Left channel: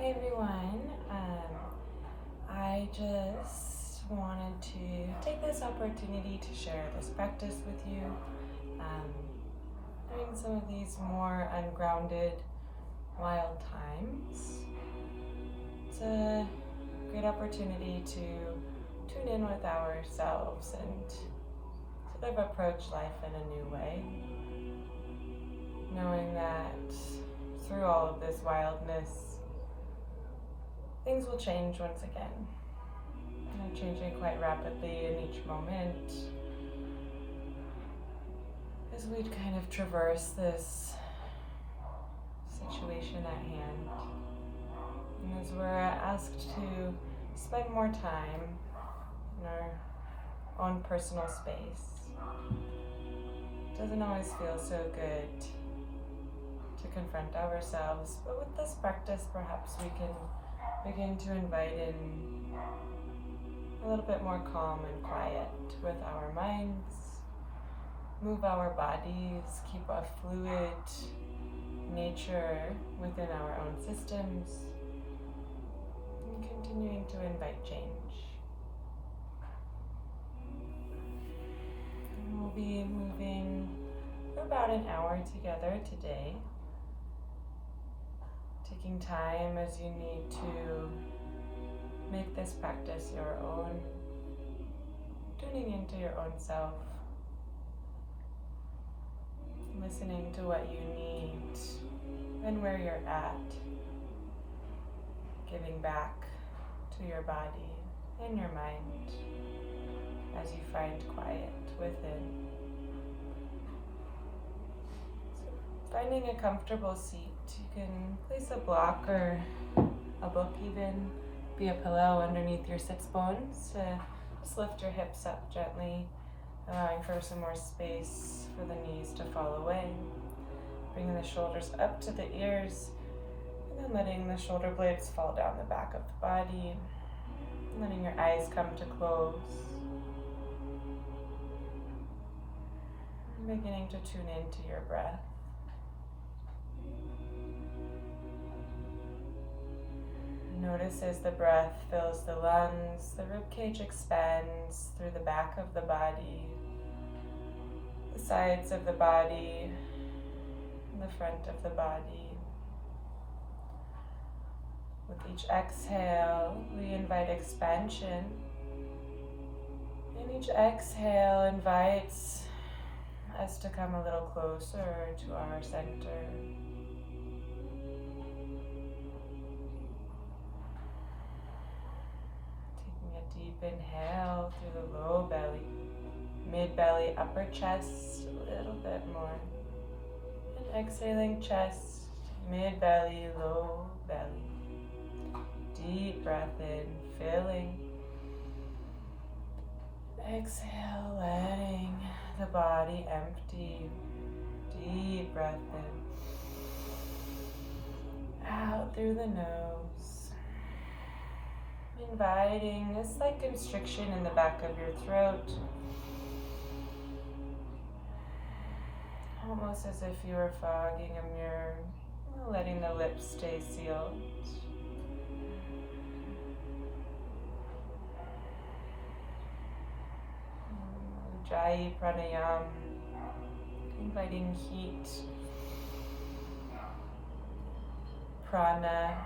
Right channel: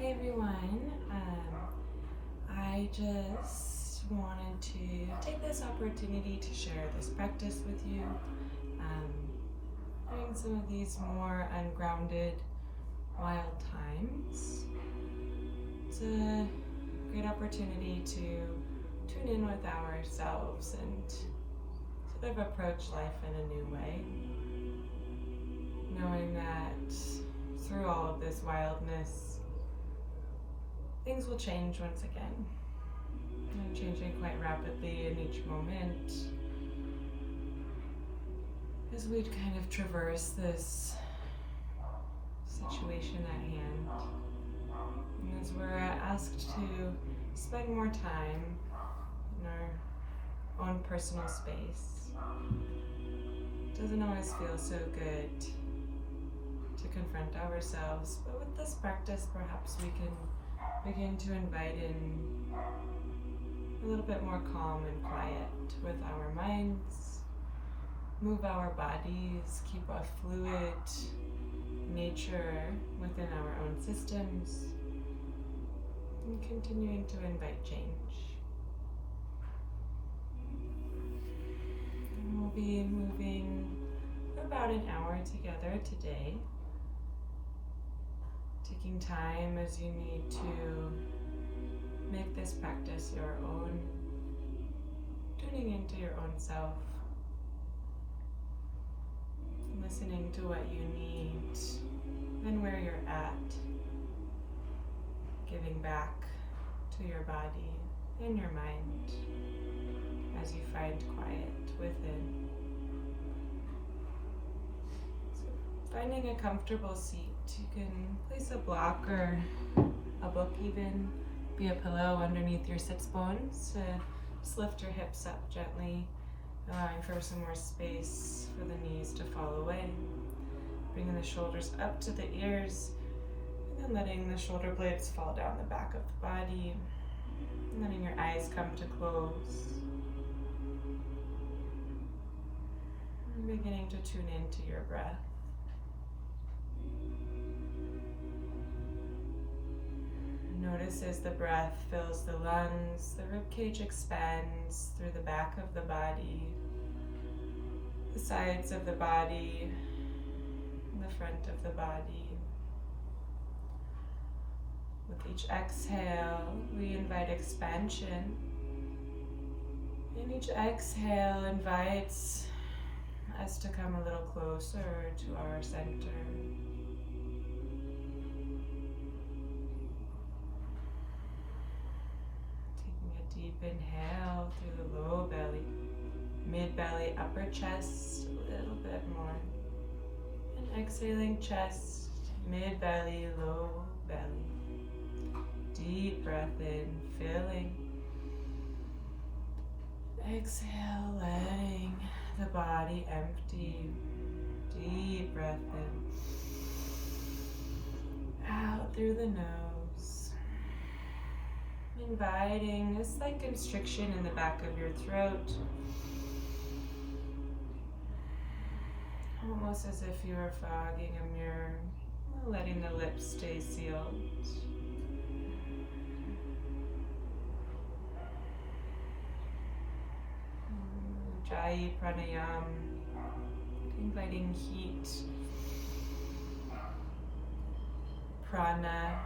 Hi everyone. I just wanted to take this opportunity to share this practice with you. During some of these more ungrounded, wild times, it's a great opportunity to tune in with ourselves and sort of approach life in a new way, knowing that through all of this wildness, things will change once again. And they're changing quite rapidly in each moment as we kind of traverse this situation at hand. And as we're asked to spend more time in our own personal space, it doesn't always feel so good to confront ourselves, but with this practice, perhaps we can begin to invite in a little bit more calm and quiet with our minds, move our bodies, keep a fluid nature within our own systems, and continuing to invite change. And we'll be moving for about an hour together today, taking time as you need to make this practice your own, tuning into your own self, listening to what you need and where you're at, giving back to your body and your mind as you find quiet within. So finding a comfortable seat, you can place a block or a book even, be a pillow underneath your sits bones to just lift your hips up gently, allowing for some more space for the knees to fall away. Bringing the shoulders up to the ears, and then letting the shoulder blades fall down the back of the body, and letting your eyes come to close. And beginning to tune into your breath. Notice as the breath fills the lungs, the ribcage expands through the back of the body, the sides of the body, and the front of the body. With each exhale, we invite expansion, and each exhale invites us to come a little closer to our center. Inhale through the low belly, mid belly, upper chest, a little bit more. And exhaling chest, mid belly, low belly. Deep breath in, filling. Exhale, letting the body empty. Deep breath in. Out through the nose. Inviting a slight constriction in the back of your throat, almost as if you were fogging a mirror, letting the lips stay sealed. Ujjayi pranayama, inviting heat, prana,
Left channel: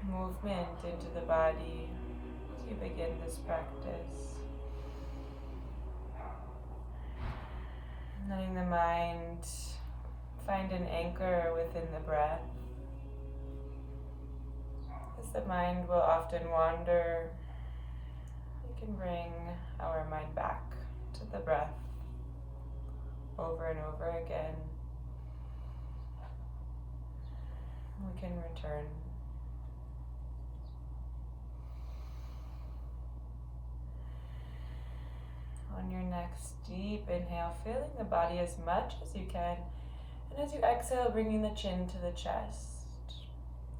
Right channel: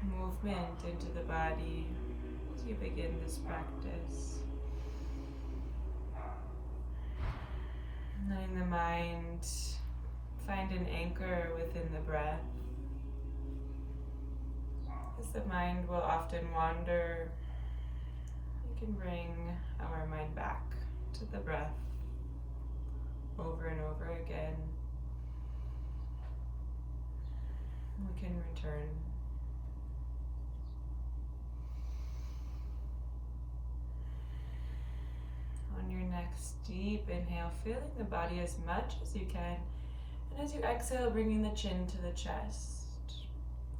movement into the body as you begin this practice. Letting the mind find an anchor within the breath. As the mind will often wander, we can bring our mind back to the breath over and over again. We can return. On your next deep inhale, feeling the body as much as you can. And as you exhale, bringing the chin to the chest.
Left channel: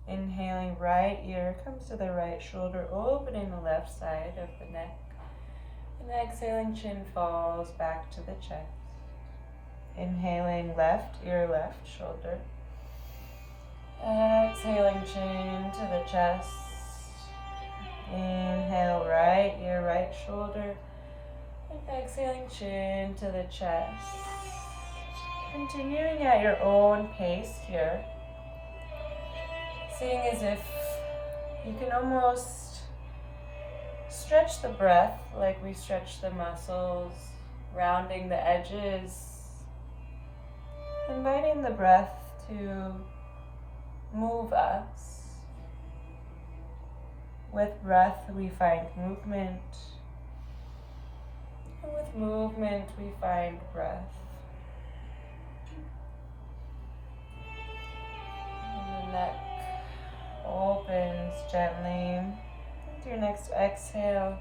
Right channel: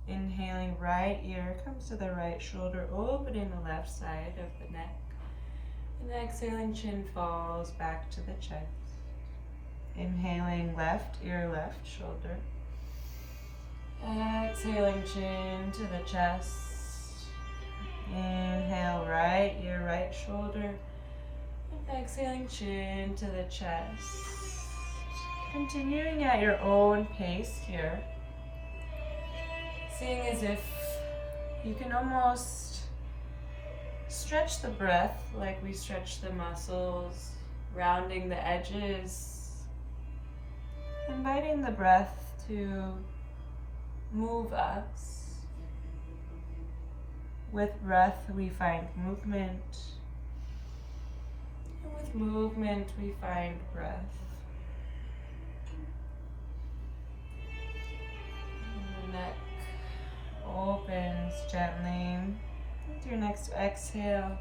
Inhaling, right ear comes to the right shoulder, opening the left side of the neck. And exhaling, chin falls back to the chest. Inhaling, left ear, left shoulder. Exhaling chin to the chest. Inhale, right ear, right shoulder. And exhaling chin to the chest. Continuing at your own pace here. Seeing as if you can almost stretch the breath like we stretch the muscles, rounding the edges, inviting the breath to move us. With breath we find movement, and with movement we find breath. And the neck opens gently. With your next exhale,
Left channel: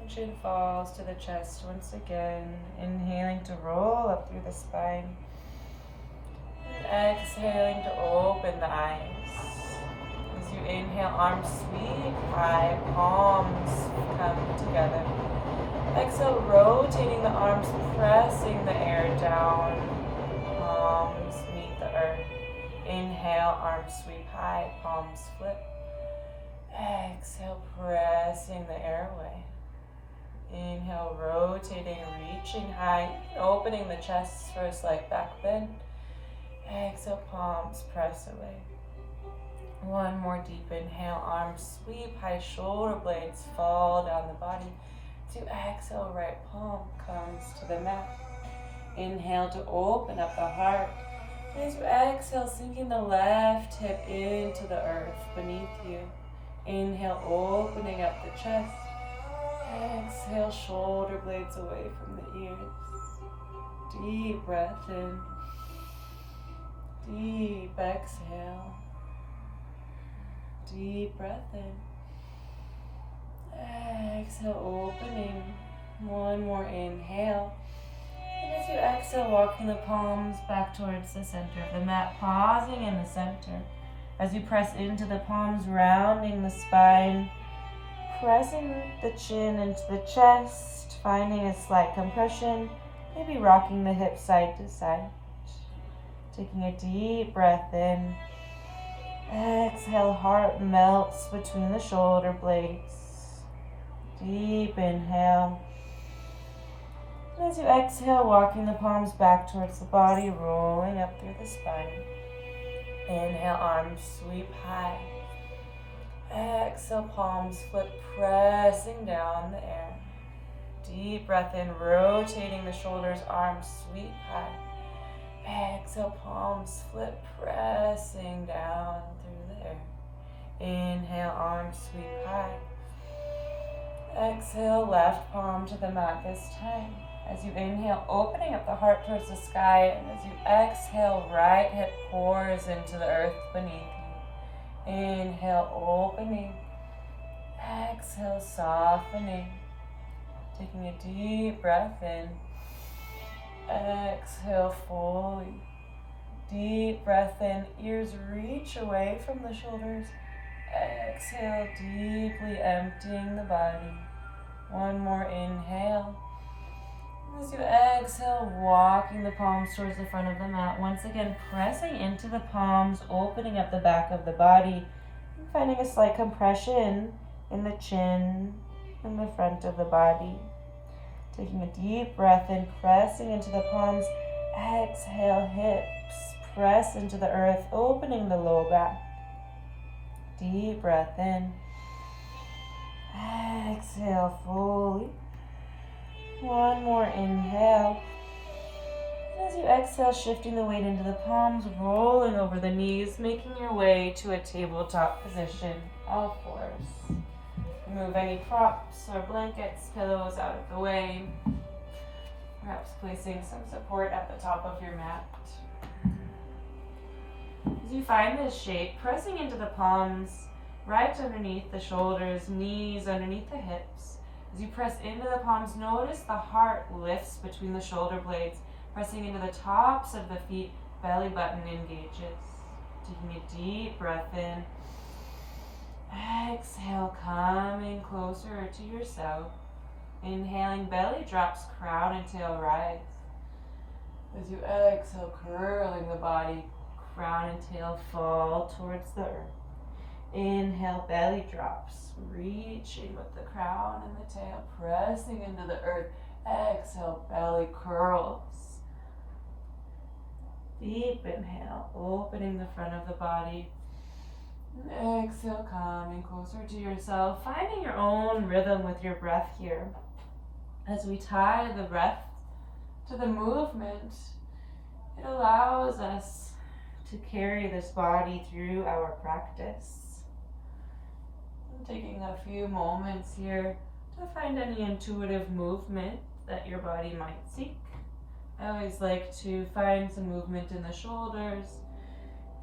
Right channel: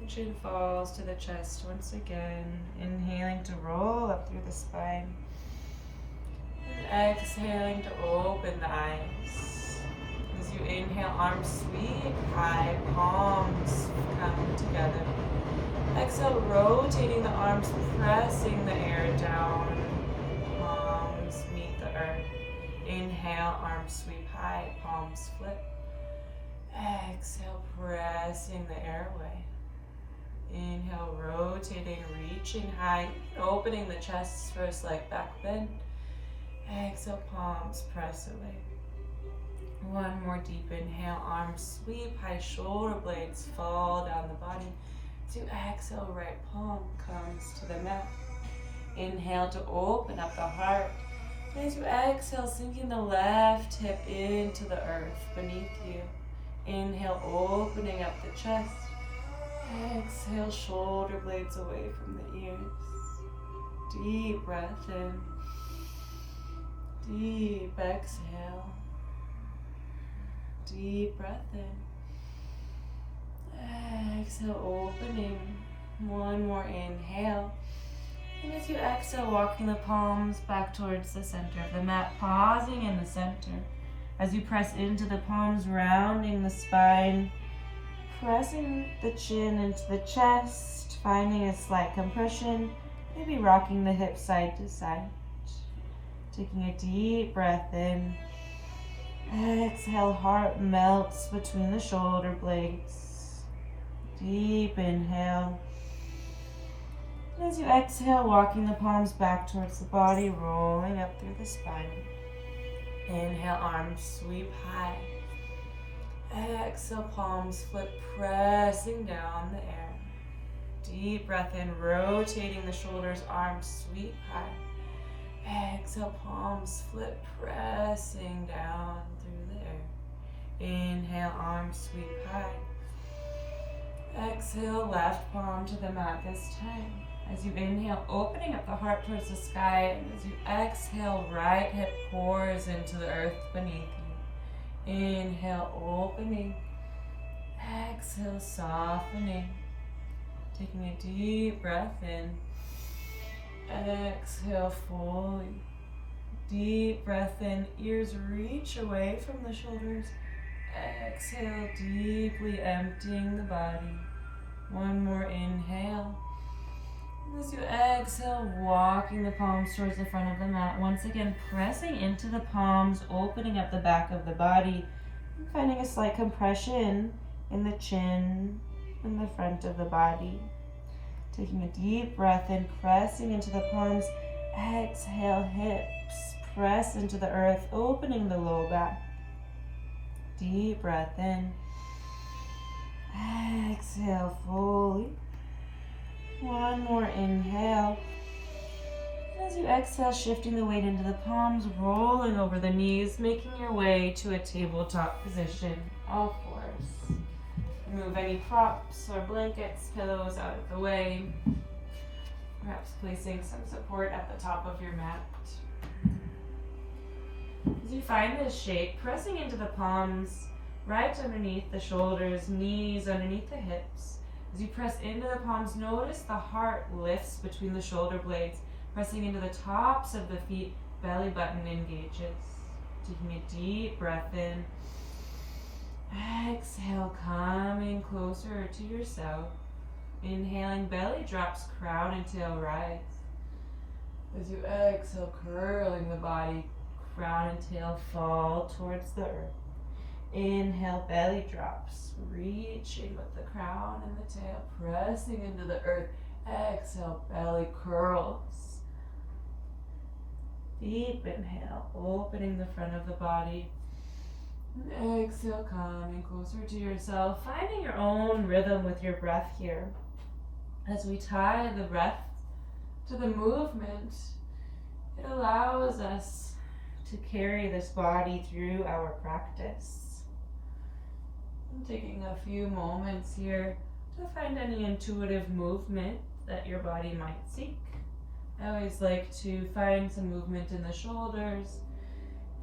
the chin falls to the chest once again, inhaling to roll up through the spine. And exhaling to open the eyes. As you inhale, arms sweep high, palms come together. Exhale, rotating the arms, pressing the air down, palms meet the earth. Inhale, arms sweep high, palms flip. Exhale, pressing the air away. Inhale, rotating, reaching high, opening the chest for a slight back bend. Exhale, palms press away. One more deep inhale, arms sweep high, shoulder blades fall down the body. To exhale, right palm comes to the mat. Inhale to open up the heart. As you exhale, sinking the left hip into the earth beneath you. Inhale, opening up the chest. Exhale, shoulder blades away from the ears. Deep breath in. Deep exhale. Deep breath in. Exhale, opening. One more inhale. And as you exhale, walking the palms back towards the center of the mat, pausing in the center. As you press into the palms, rounding the spine, pressing the chin into the chest, finding a slight compression, maybe rocking the hips side to side. Taking a deep breath in. Exhale, heart melts between the shoulder blades. Deep inhale. And as you exhale, walking the palms back towards the body, rolling up through the spine. Inhale, arms sweep high. Exhale, palms flip, pressing down the air. Deep breath in, rotating the shoulders, arms sweep high. Exhale, palms flip, pressing down through the air. Inhale, arms sweep high. Exhale, left palm to the mat this time. As you inhale, opening up the heart towards the sky, and as you exhale, right hip pours into the earth beneath you. Inhale, opening. Exhale, softening. Taking a deep breath in. Exhale fully. Deep breath in, ears reach away from the shoulders. Exhale, deeply emptying the body. One more inhale. As you exhale, walking the palms towards the front of the mat. Once again, pressing into the palms, opening up the back of the body, and finding a slight compression in the chin and the front of the body. Taking a deep breath in, pressing into the palms. Exhale, hips press into the earth, opening the low back. Deep breath in. Exhale fully. One more inhale. As you exhale, shifting the weight into the palms, rolling over the knees, making your way to a tabletop position, all fours. Remove any props or blankets, pillows out of the way. Perhaps placing some support at the top of your mat. As you find this shape, pressing into the palms, right underneath the shoulders, knees underneath the hips. As you press into the palms, notice the heart lifts between the shoulder blades, pressing into the tops of the feet, belly button engages. Taking a deep breath in. Exhale, coming closer to yourself. Inhaling, belly drops, crown and tail rise. As you exhale, curling the body, crown and tail fall towards the earth. Inhale, belly drops, reaching with the crown and the tail, pressing into the earth. Exhale, belly curls. Deep inhale, opening the front of the body. Exhale, coming closer to yourself, finding your own rhythm with your breath here. As we tie the breath to the movement, it allows us to carry this body through our practice. I'm taking a few moments here to find any intuitive movement that your body might seek. I always like to find some movement in the shoulders,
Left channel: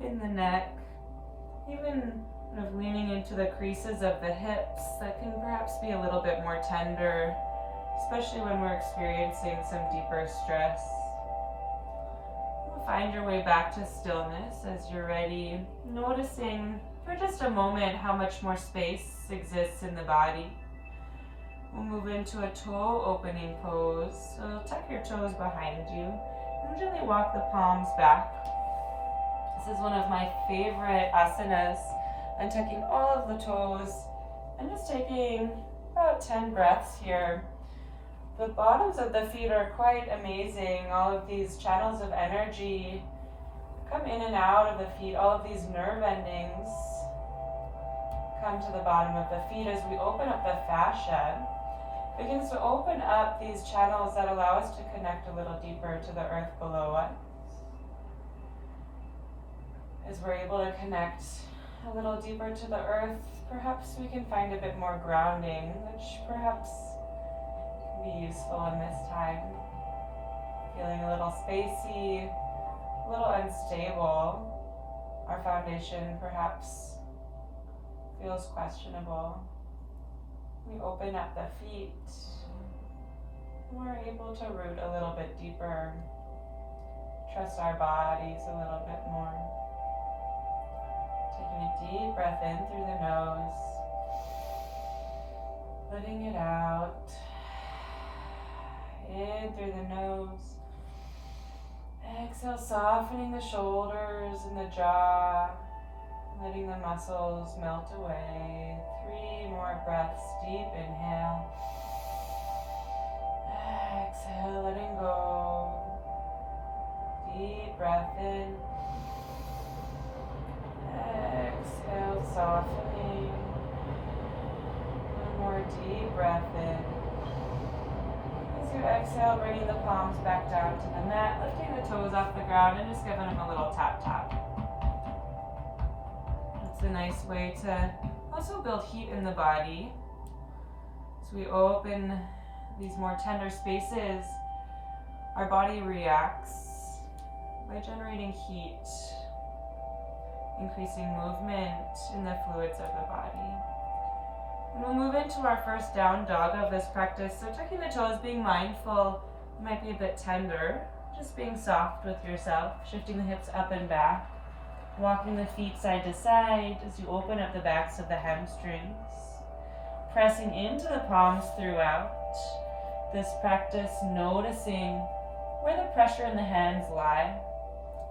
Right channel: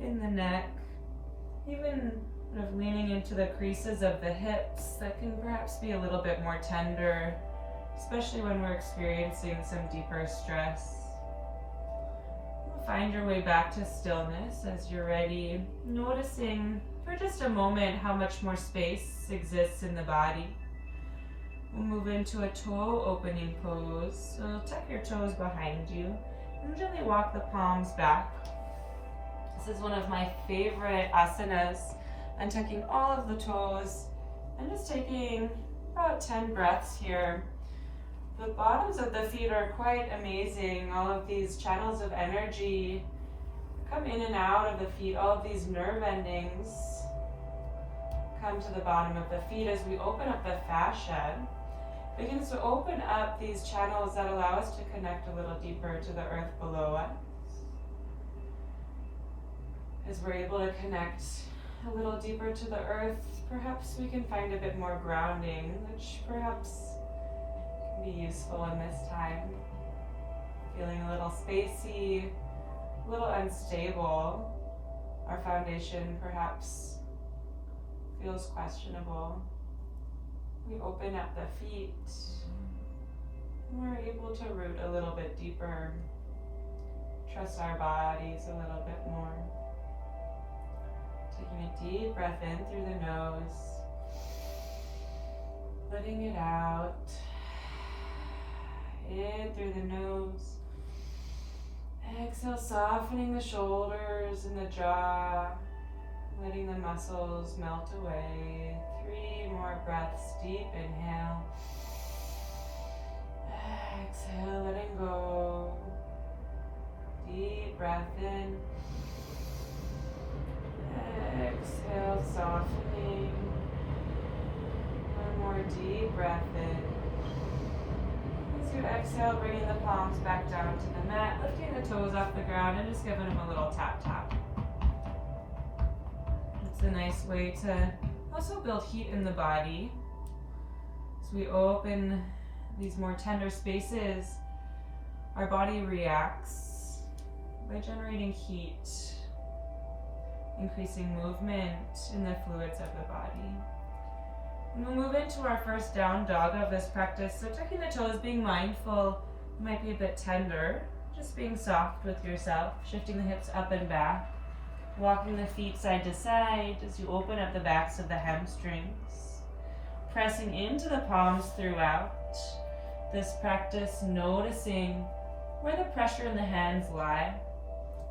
in the neck, even kind of leaning into the creases of the hips that can perhaps be a little bit more tender, especially when we're experiencing some deeper stress. Find your way back to stillness as you're ready, noticing for just a moment how much more space exists in the body. We'll move into a toe opening pose. So tuck your toes behind you and gently walk the palms back. This is one of my favorite asanas. I'm tucking all of the toes and just taking about 10 breaths here. The bottoms of the feet are quite amazing. All of these channels of energy come in and out of the feet. All of these nerve endings come to the bottom of the feet as we open up the fascia. Begins to open up these channels that allow us to connect a little deeper to the earth below us. As we're able to connect a little deeper to the earth, perhaps we can find a bit more grounding, which perhaps can be useful in this time. Feeling a little spacey, a little unstable. Our foundation perhaps feels questionable. We open up the feet, and we're able to root a little bit deeper, trust our bodies a little bit more. Taking a deep breath in through the nose, letting it out, in through the nose. Exhale, softening the shoulders and the jaw, letting the muscles melt away. 3 more breaths. Deep inhale. Exhale, letting go. Deep breath in. Exhale, softening. 1 more deep breath in. As you exhale, bringing the palms back down to the mat, lifting the toes off the ground and just giving them a little tap tap. It's a nice way to also build heat in the body. As we open these more tender spaces, our body reacts by generating heat, increasing movement in the fluids of the body. And we'll move into our first down dog of this practice. So tucking the toes, being mindful, you might be a bit tender, just being soft with yourself, shifting the hips up and back. Walking the feet side to side as you open up the backs of the hamstrings. Pressing into the palms throughout this practice, noticing where the pressure in the hands lie.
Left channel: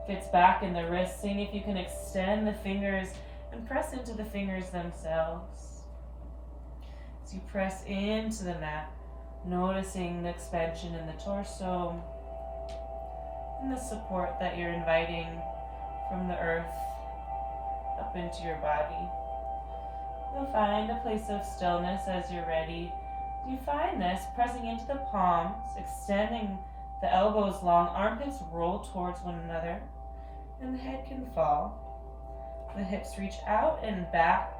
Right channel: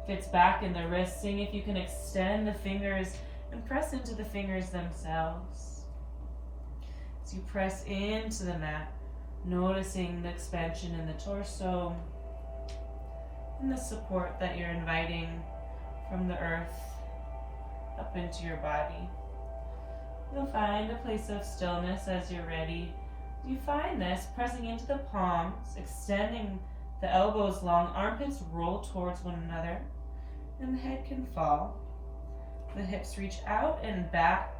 If it's back in the wrists, seeing if you can extend the fingers and press into the fingers themselves. As you press into the mat, noticing the expansion in the torso and the support that you're inviting from the earth up into your body. You'll find a place of stillness as you're ready. You find this pressing into the palms, extending the elbows long, armpits roll towards one another, and the head can fall. The hips reach out and back.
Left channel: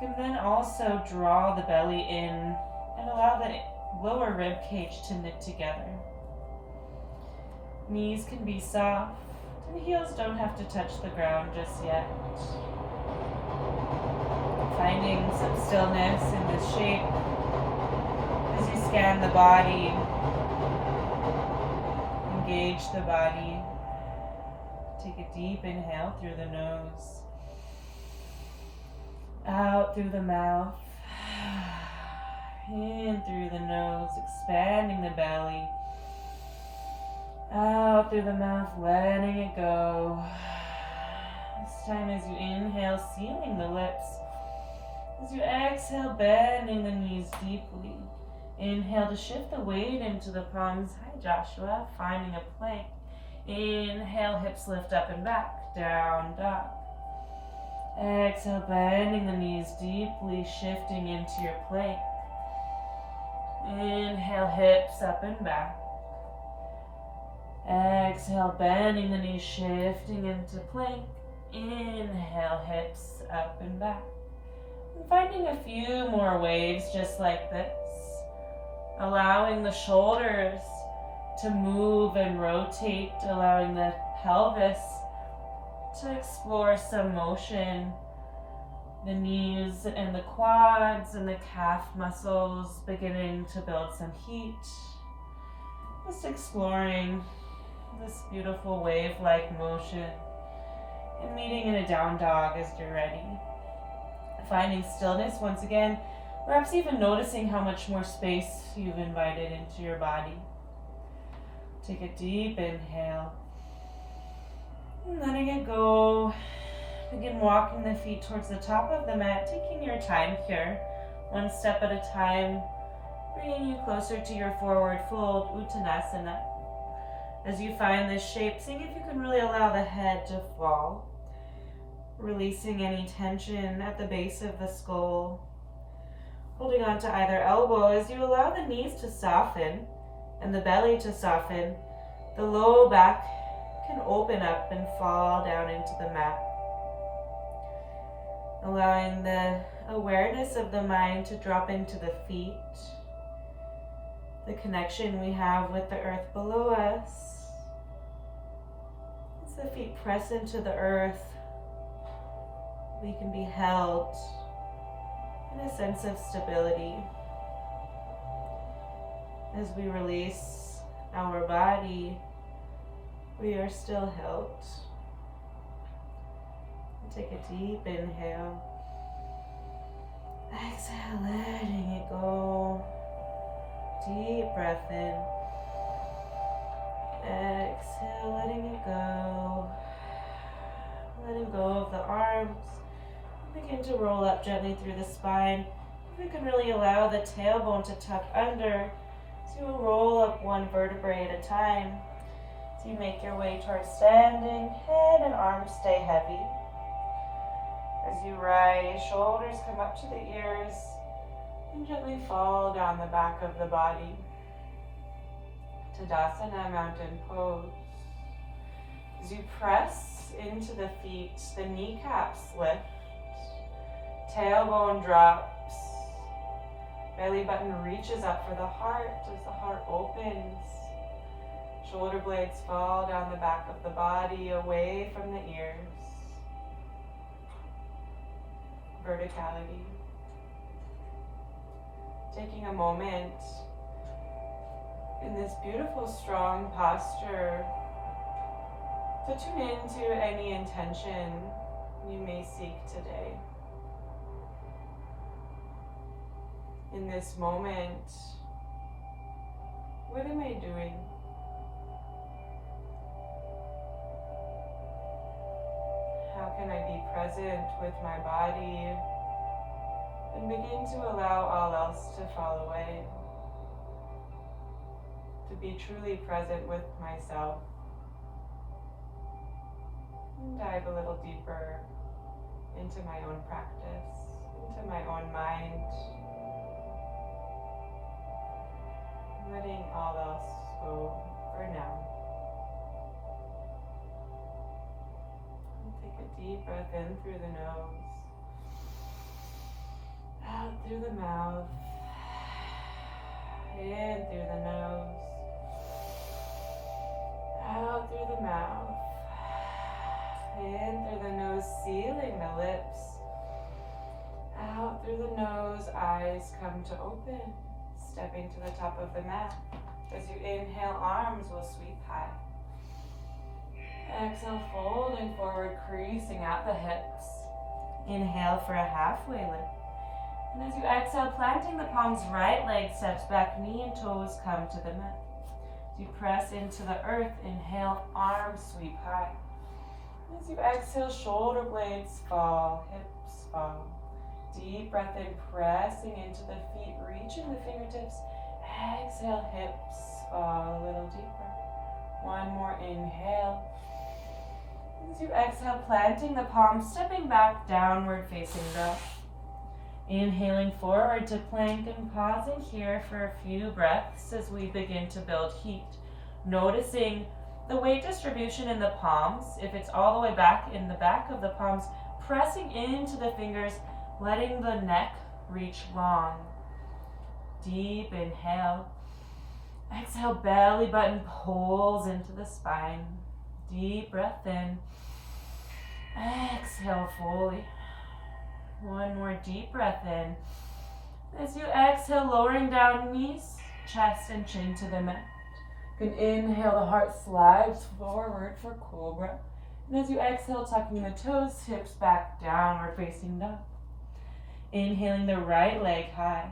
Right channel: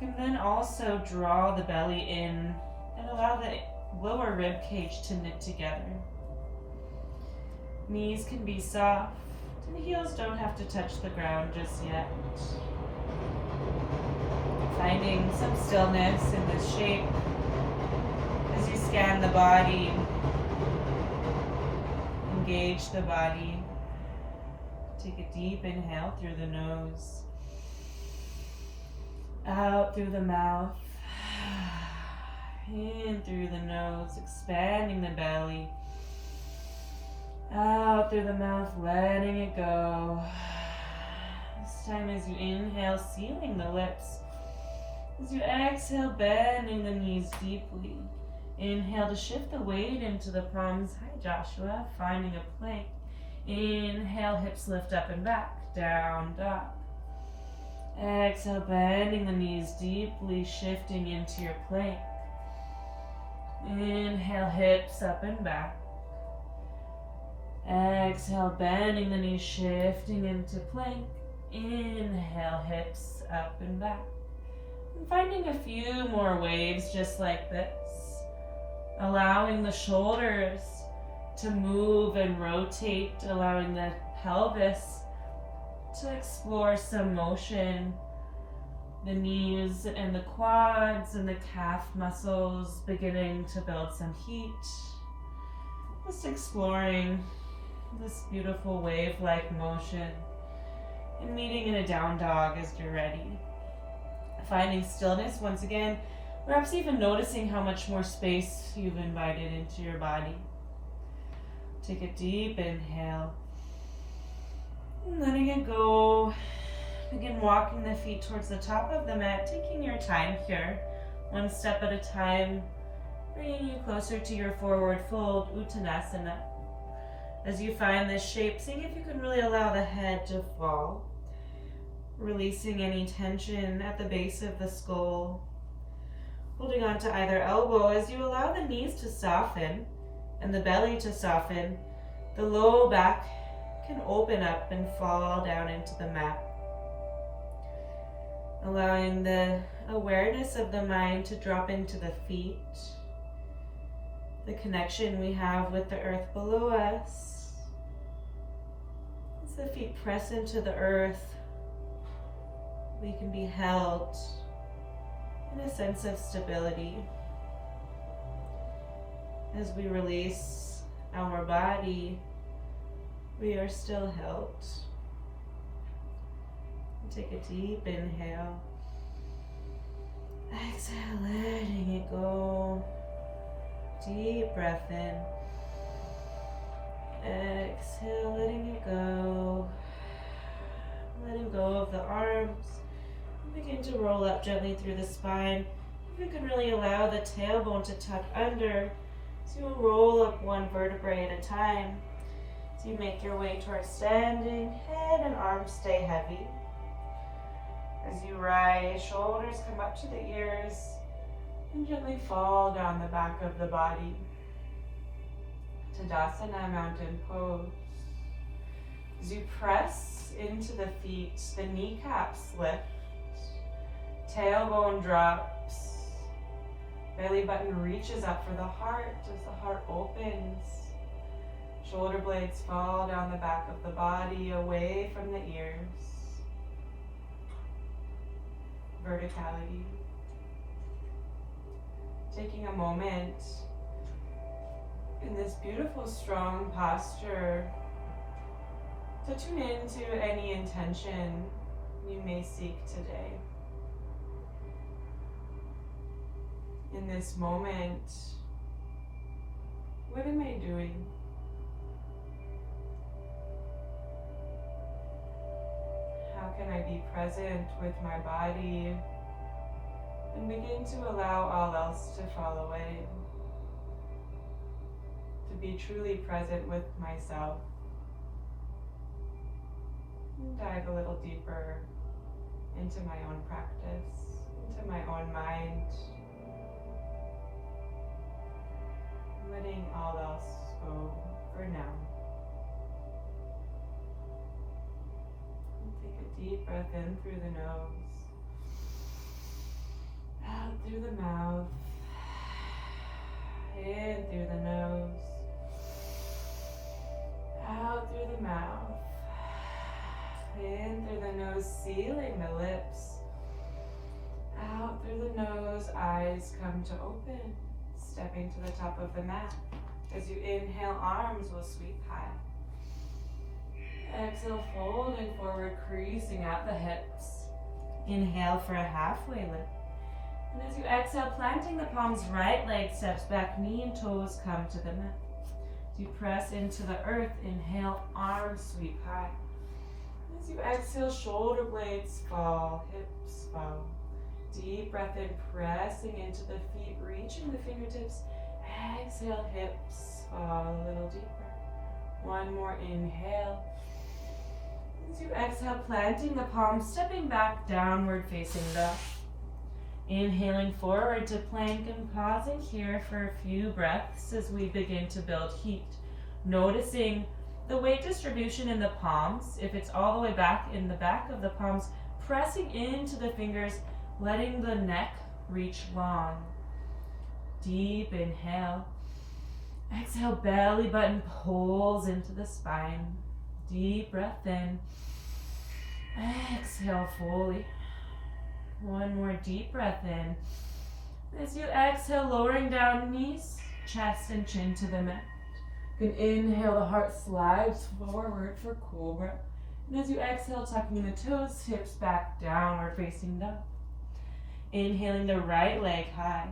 You can then also draw the belly in and allow the lower rib cage to knit together. Knees can be soft. The heels don't have to touch the ground just yet. Finding some stillness in this shape as you scan the body, engage the body. Take a deep inhale through the nose, out through the mouth, in through the nose, expanding the belly. Out through the mouth, letting it go. This time as you inhale, sealing the lips. As you exhale, bending the knees deeply. Inhale to shift the weight into the palms. Hi, Joshua. Finding a plank. Inhale, hips lift up and back. Down dog. Exhale, bending the knees deeply, shifting into your plank. Inhale, hips up and back. Exhale, bending the knees, shifting into plank. Inhale, hips up and back. And finding a few more waves just like this. Allowing the shoulders to move and rotate, allowing the pelvis to explore some motion. The knees and the quads and the calf muscles beginning to build some heat. Just exploring this beautiful wave-like motion and meeting in a down dog as you're ready. Finding stillness once again, perhaps even noticing how much more space you've invited into your body. Take a deep inhale. Letting it go. Begin walking the feet towards the top of the mat, taking your time here, one step at a time, bringing you closer to your forward fold, Uttanasana. As you find this shape, seeing if you can really allow the head to fall, releasing any tension at the base of the skull, holding on to either elbow as you allow the knees to soften and the belly to soften. The low back can open up and fall down into the mat. Allowing the awareness of the mind to drop into the feet, the connection we have with the earth below us. As the feet press into the earth, we can be held in a sense of stability. As we release our body, we are still held. Take a deep inhale. Exhale, letting it go. Deep breath in. Exhale, letting it go. Letting go of the arms. Begin to roll up gently through the spine. If you can really allow the tailbone to tuck under, so you'll roll up one vertebrae at a time. So you make your way towards standing. Head and arms stay heavy. As you rise, shoulders come up to the ears and gently fall down the back of the body. Tadasana, mountain pose. As you press into the feet, the kneecaps lift, tailbone drops, belly button reaches up for the heart as the heart opens. Shoulder blades fall down the back of the body, away from the ears. Verticality. Taking a moment in this beautiful, strong posture to tune into any intention you may seek today. In this moment, what am I doing? How can I be present with my body and begin to allow all else to fall away? To be truly present with myself. And dive a little deeper into my own practice, into my own mind. Letting all else go for now. Take a deep breath in through the nose, out through the mouth, in through the nose, out through the mouth, in through the nose, sealing the lips, out through the nose, eyes come to open, stepping to the top of the mat. As you inhale, arms will sweep high. Exhale, folding forward, creasing at the hips. Inhale for a halfway lift. And as you exhale, planting the palms, right leg steps back, knee and toes come to the mat. As you press into the earth, inhale, arms sweep high. As you exhale, shoulder blades fall, hips fall. Deep breath in, pressing into the feet, reaching the fingertips. Exhale, hips fall a little deeper. One more inhale. As you exhale, planting the palms, stepping back, downward facing dog. Inhaling forward to plank and pausing here for a few breaths as we begin to build heat. Noticing the weight distribution in the palms. If it's all the way back in the back of the palms, pressing into the fingers, letting the neck reach long. Deep inhale. Exhale, belly button pulls into the spine. Deep breath in. Exhale fully. One more deep breath in. As you exhale, lowering down knees, chest and chin to the mat. You can inhale, the heart slides forward for cobra. And as you exhale, tucking the toes, hips back, downward facing dog. Inhaling the right leg high.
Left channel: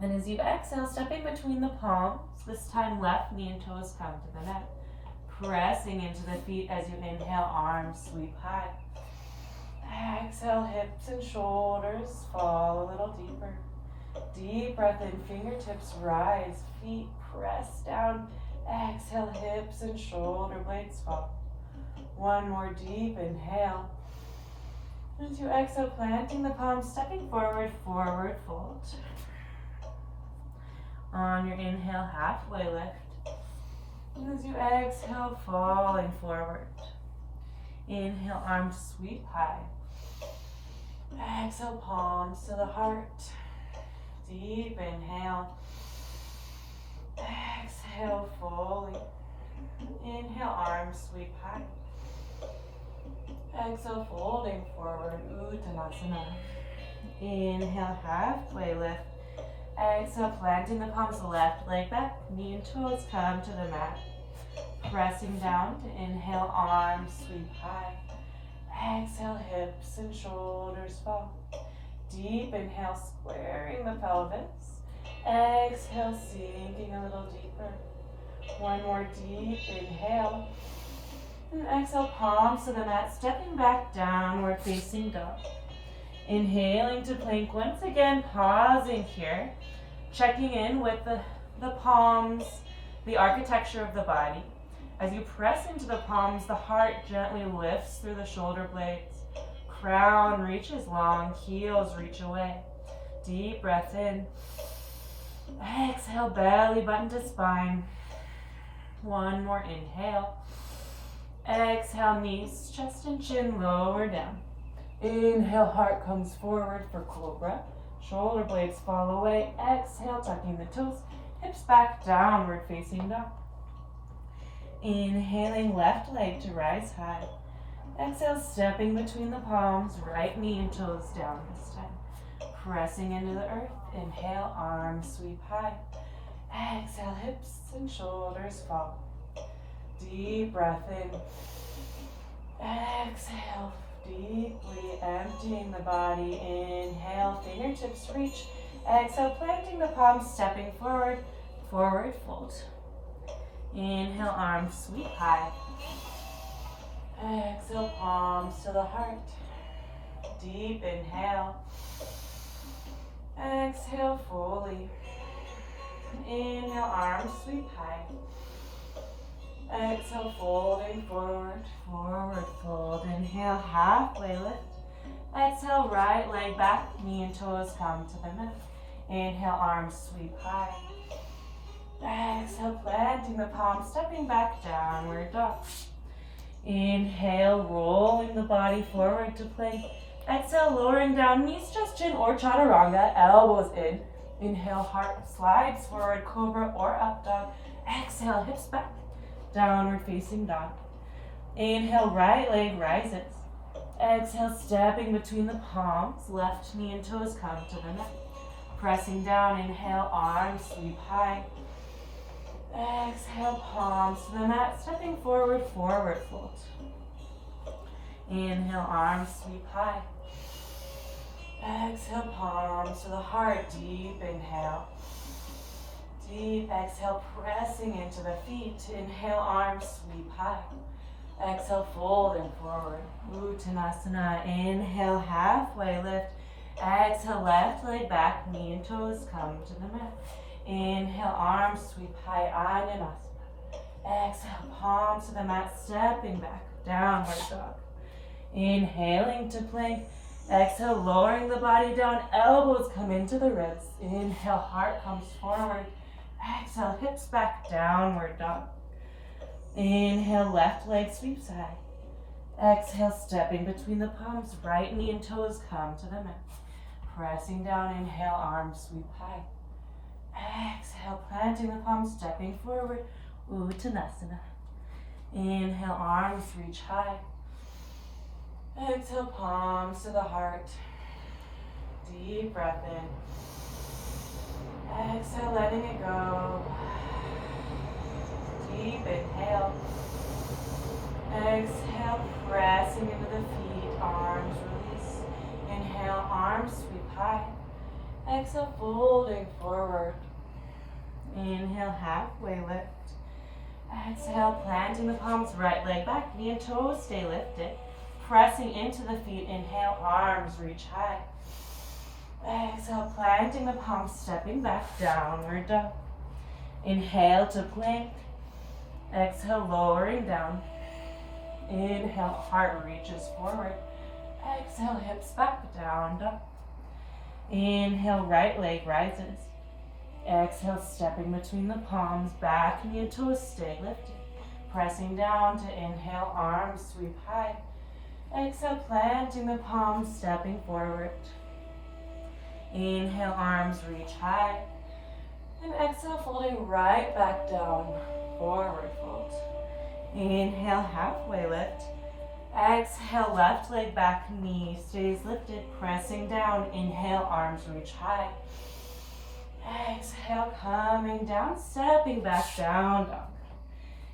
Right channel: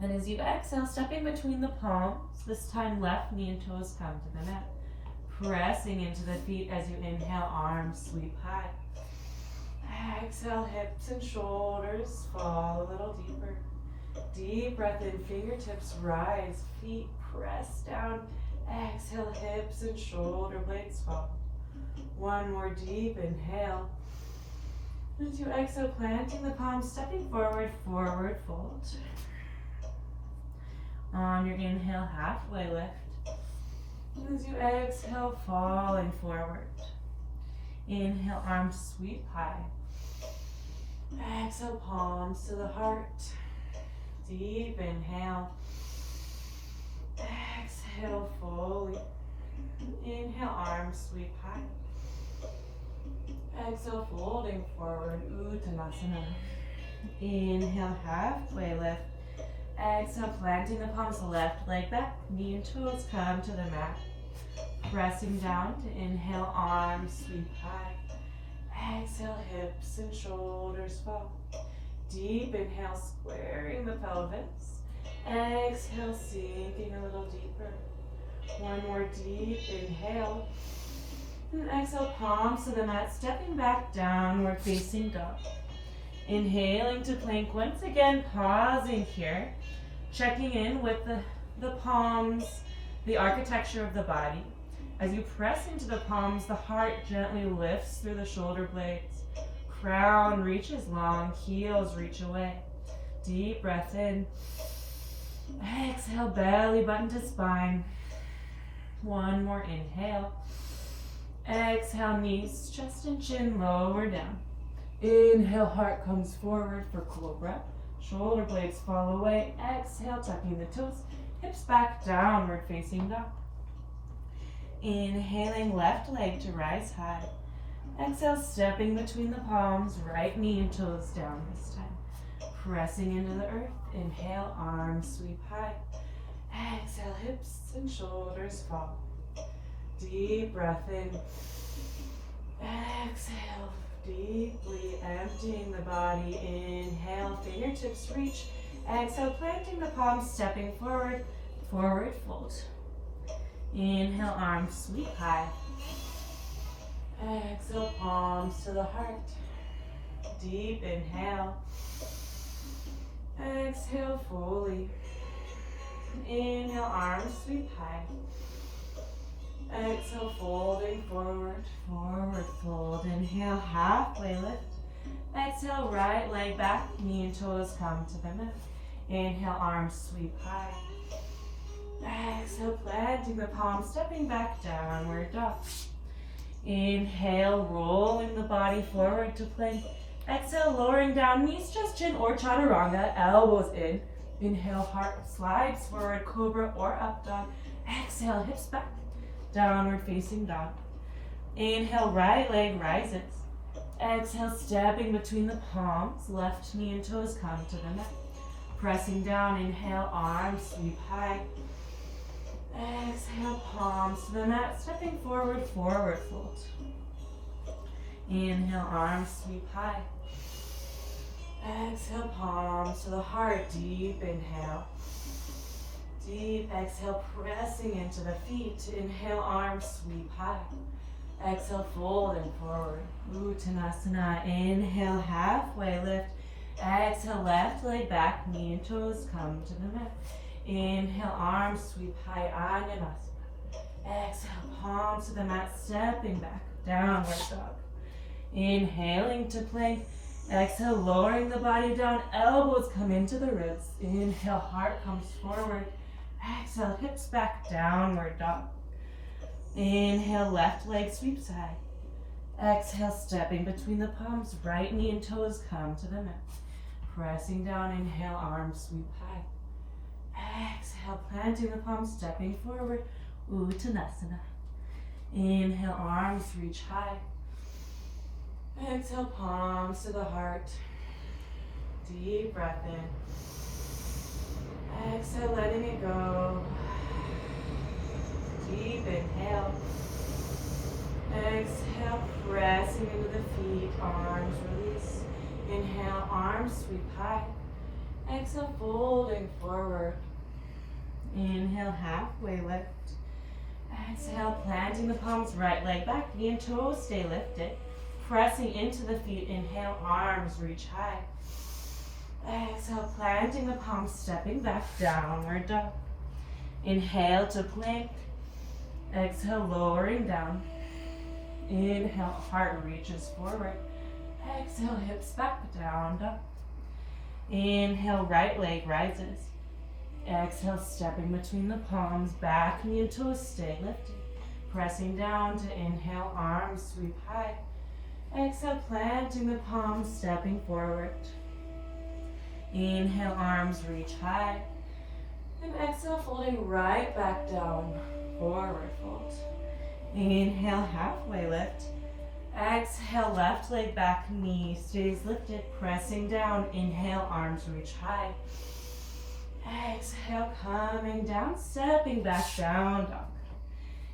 And as you exhale, stepping between the palms, this time left knee and toes come to the mat. Pressing into the feet as you inhale, arms sweep high. Exhale, hips and shoulders fall a little deeper. Deep breath in, fingertips rise, feet press down. Exhale, hips and shoulder blades fall. One more deep inhale. As you exhale, planting the palms, stepping forward, forward fold. On your inhale, halfway lift. As you exhale, falling forward. Inhale, arms sweep high. Exhale, palms to the heart. Deep inhale. Exhale fully. Inhale, arms sweep high. Exhale, folding forward, Uttanasana. Inhale, halfway lift. Exhale, planting the palms, left leg back, knee and toes come to the mat. Pressing down to inhale, arms sweep high. Exhale, hips and shoulders fall. Deep inhale, squaring the pelvis. Exhale, sinking a little deeper. One more deep inhale. And exhale, palms to the mat, stepping back, downward facing dog. Inhaling to plank once again, pausing here. Checking in with the palms, the architecture of the body. As you press into the palms, the heart gently lifts through the shoulder blades. Crown reaches long, heels reach away. Deep breath in. Exhale, belly button to spine. One more inhale. Exhale, knees, chest and chin lower down. Inhale, heart comes forward for cobra. Shoulder blades fall away. Exhale, tucking the toes, hips back, downward facing dog. Inhaling, left leg to rise high. Exhale, stepping between the palms, right knee and toes down this time. Pressing into the earth. Inhale, arms sweep high. Exhale, hips and shoulders fall. Deep breath in. Exhale, deeply emptying the body. Inhale, fingertips reach. Exhale, planting the palms, stepping forward, forward fold. Inhale, arms sweep high. Exhale, palms to the heart. Deep inhale. Exhale fully. Inhale, arms sweep high. Exhale, folding forward, forward fold. Inhale, halfway lift. Exhale, right leg back, knee and toes come to the mat. Inhale, arms sweep high. Exhale, planting the palms, stepping back, downward dog. Inhale, rolling the body forward to plank. Exhale, lowering down, knees, chest, chin, or chaturanga, elbows in. Inhale, heart slides forward, cobra or up dog. Exhale, hips back, downward facing dog. Inhale, right leg rises. Exhale, stepping between the palms, left knee and toes come to the mat. Pressing down, inhale, arms sweep high. Exhale, palms to the mat, stepping forward, forward fold. Inhale, arms sweep high. Exhale, palms to the heart, deep inhale. Deep exhale, pressing into the feet. Inhale, arms sweep high. Exhale, folding forward. Uttanasana. Inhale, halfway lift. Exhale, left leg back, knee and toes come to the mat. Inhale, arms sweep high, Anjaneyasana. Exhale, palms to the mat, stepping back, downward dog. Inhaling to plank. Exhale, lowering the body down, elbows come into the ribs. Inhale, heart comes forward. Exhale, hips back, downward dog. Inhale, left leg sweeps high. Exhale, stepping between the palms, right knee and toes come to the mat. Pressing down, inhale, arms sweep high. Exhale, planting the palms, stepping forward, Uttanasana. Inhale, arms reach high. Exhale, palms to the heart. Deep breath in. Exhale, letting it go. Deep inhale. Exhale, pressing into the feet, arms release. Inhale, arms sweep high. Exhale, folding forward. Inhale, halfway lift. Exhale, planting the palms, right leg back, knee and toes stay lifted. Pressing into the feet, inhale, arms reach high. Exhale, planting the palms, stepping back, downward dog. Inhale to plank. Exhale, lowering down. Inhale, heart reaches forward. Exhale, hips back, down dog. Inhale, right leg rises. Exhale, stepping between the palms, back knee and toes stay lifted. Pressing down to inhale, arms sweep high. Exhale, planting the palms, stepping forward. Inhale, arms reach high. And exhale, folding right back down, forward fold. Inhale, halfway lift. Exhale, left leg back, knee stays lifted, pressing down. Inhale, arms reach high. Exhale, coming down, stepping back, down dog.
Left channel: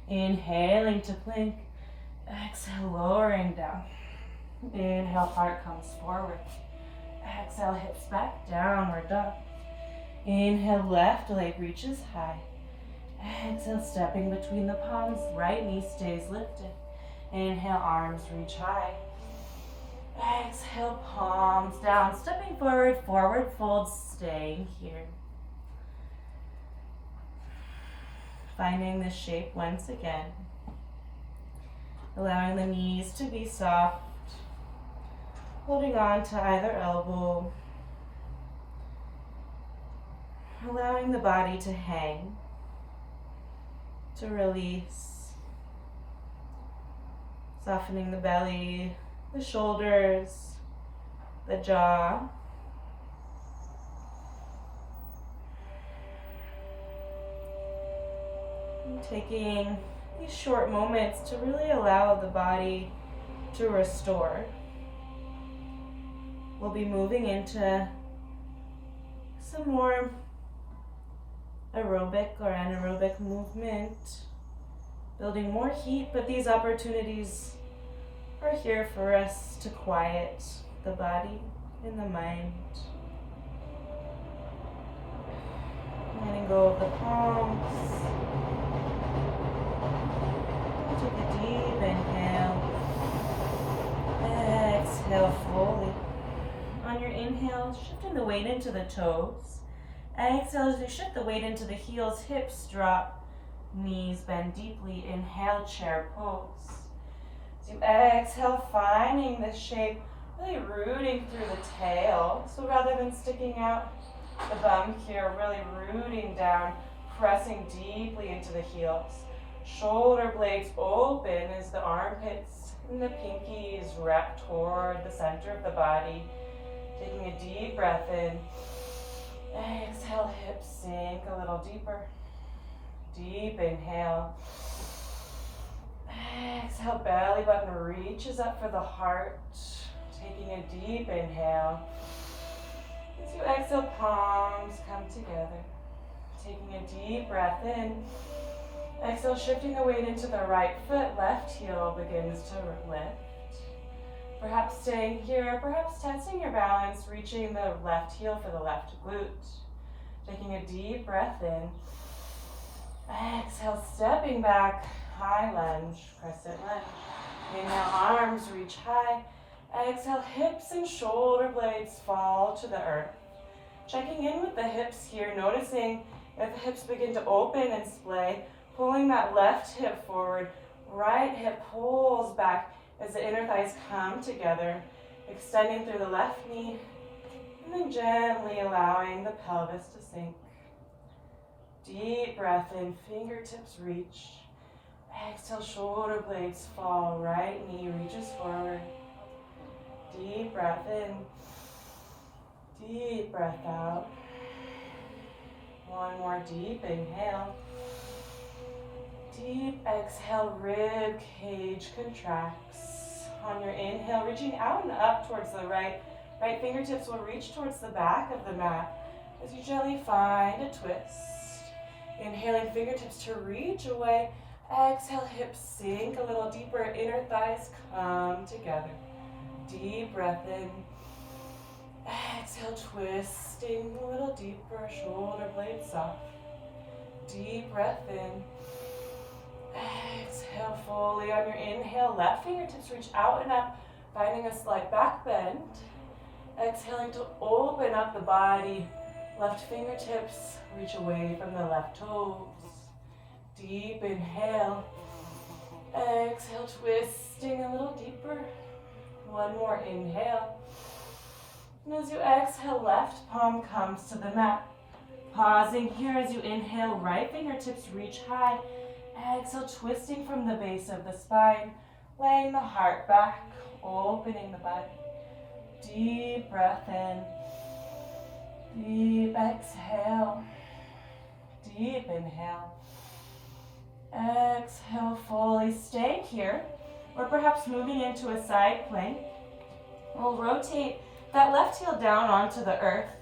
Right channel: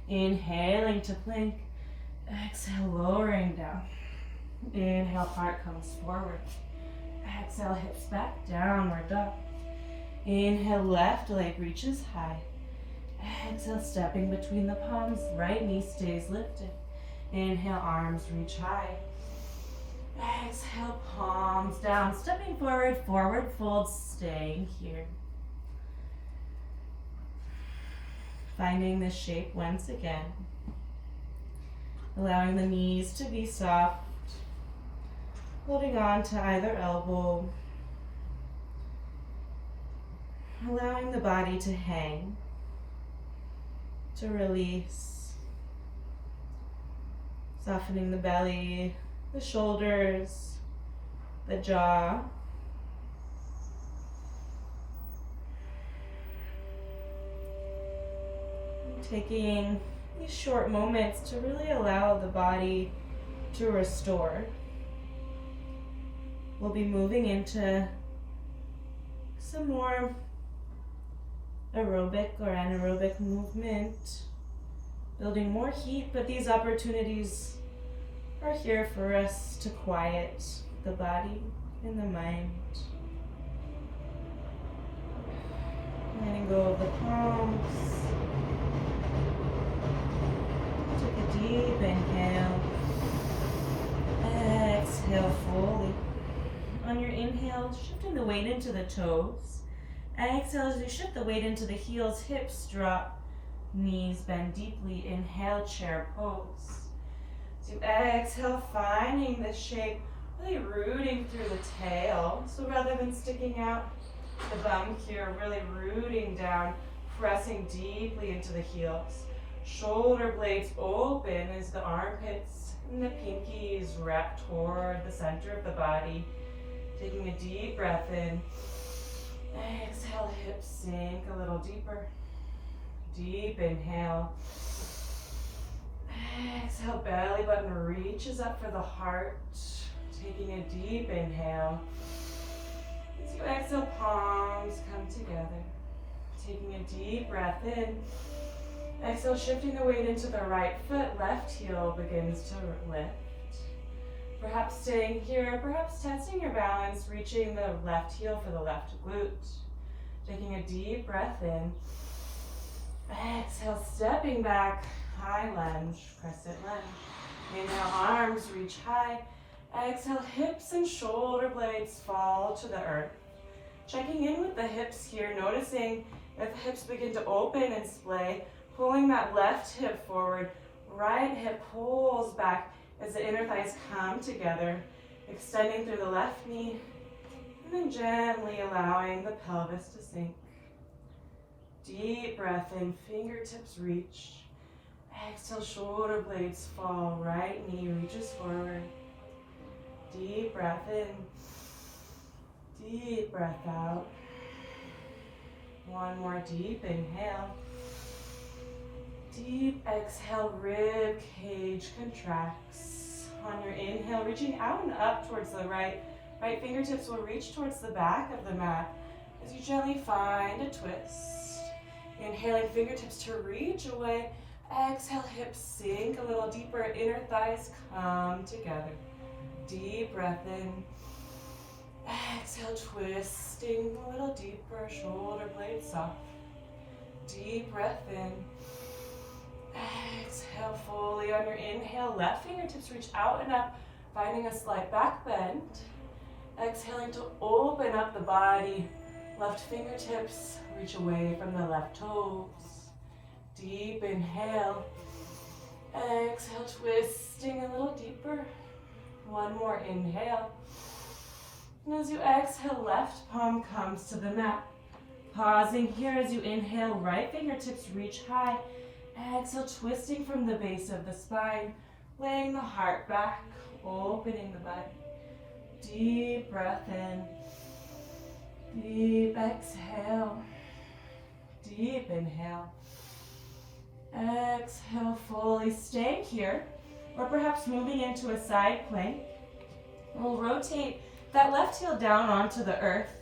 Inhaling to plank. Exhale, lowering down. Inhale, heart comes forward. Exhale, hips back, downward dog. Inhale, left leg reaches high. Exhale, stepping between the palms, right knee stays lifted. Inhale, arms reach high. Exhale, palms down, stepping forward, forward fold, staying here. Finding this shape once again. Allowing the knees to be soft. Holding on to either elbow. Allowing the body to hang, to release. Softening the belly, the shoulders, the jaw. And taking these short moments to really allow the body to restore. We'll be moving into some more aerobic or anaerobic movement, building more heat, but these opportunities are here for us to quiet the body and the mind. Letting go of the palms. Take a deep inhale. Exhale fully. On your inhale, shifting the weight into the toes. Exhale as you shift the weight into the heels, hips drop, knees bend deeply. Inhale, chair pose. So you exhale, finding this shape, really rooting through the tail. So rather than sticking out the bum here, really rooting down, pressing deeply into the heels. Shoulder blades open as the armpits and the pinkies wrap toward the center of the body. Taking a deep breath in. Exhale, hips sink a little deeper. Deep inhale. Exhale, belly button reaches up for the heart. Taking a deep inhale. As you exhale, palms come together. Taking a deep breath in. Exhale, shifting the weight into the right foot. Left heel begins to lift. Perhaps staying here, perhaps tensing your balance, reaching the left heel for the left glute. Taking a deep breath in. Exhale, stepping back, high lunge, crescent lunge. Inhale, arms reach high. Exhale, hips and shoulder blades fall to the earth. Checking in with the hips here, noticing if the hips begin to open and splay, pulling that left hip forward, right hip pulls back as the inner thighs come together, extending through the left knee, and then gently allowing the pelvis to sink. Deep breath in, fingertips reach. Exhale, shoulder blades fall, right knee reaches forward. Deep breath in, deep breath out. One more deep inhale. Deep exhale, rib cage contracts. On your inhale, reaching out and up towards the right. Right fingertips will reach towards the back of the mat as you gently find a twist. Inhaling, fingertips to reach away. Exhale, hips sink a little deeper, inner thighs come together. Deep breath in. Exhale, twisting a little deeper, shoulder blades soft. Deep breath in. Exhale fully. On your inhale, left fingertips reach out and up, finding a slight back bend. Exhaling to open up the body. Left fingertips reach away from the left toes. Deep inhale. Exhale, twisting a little deeper. One more inhale. And as you exhale, left palm comes to the mat. Pausing here as you inhale, right fingertips reach high. Exhale, twisting from the base of the spine, laying the heart back, opening the body. Deep breath in. Deep exhale. Deep inhale. Exhale fully. Staying here, or perhaps moving into a side plank. We'll rotate that left heel down onto the earth.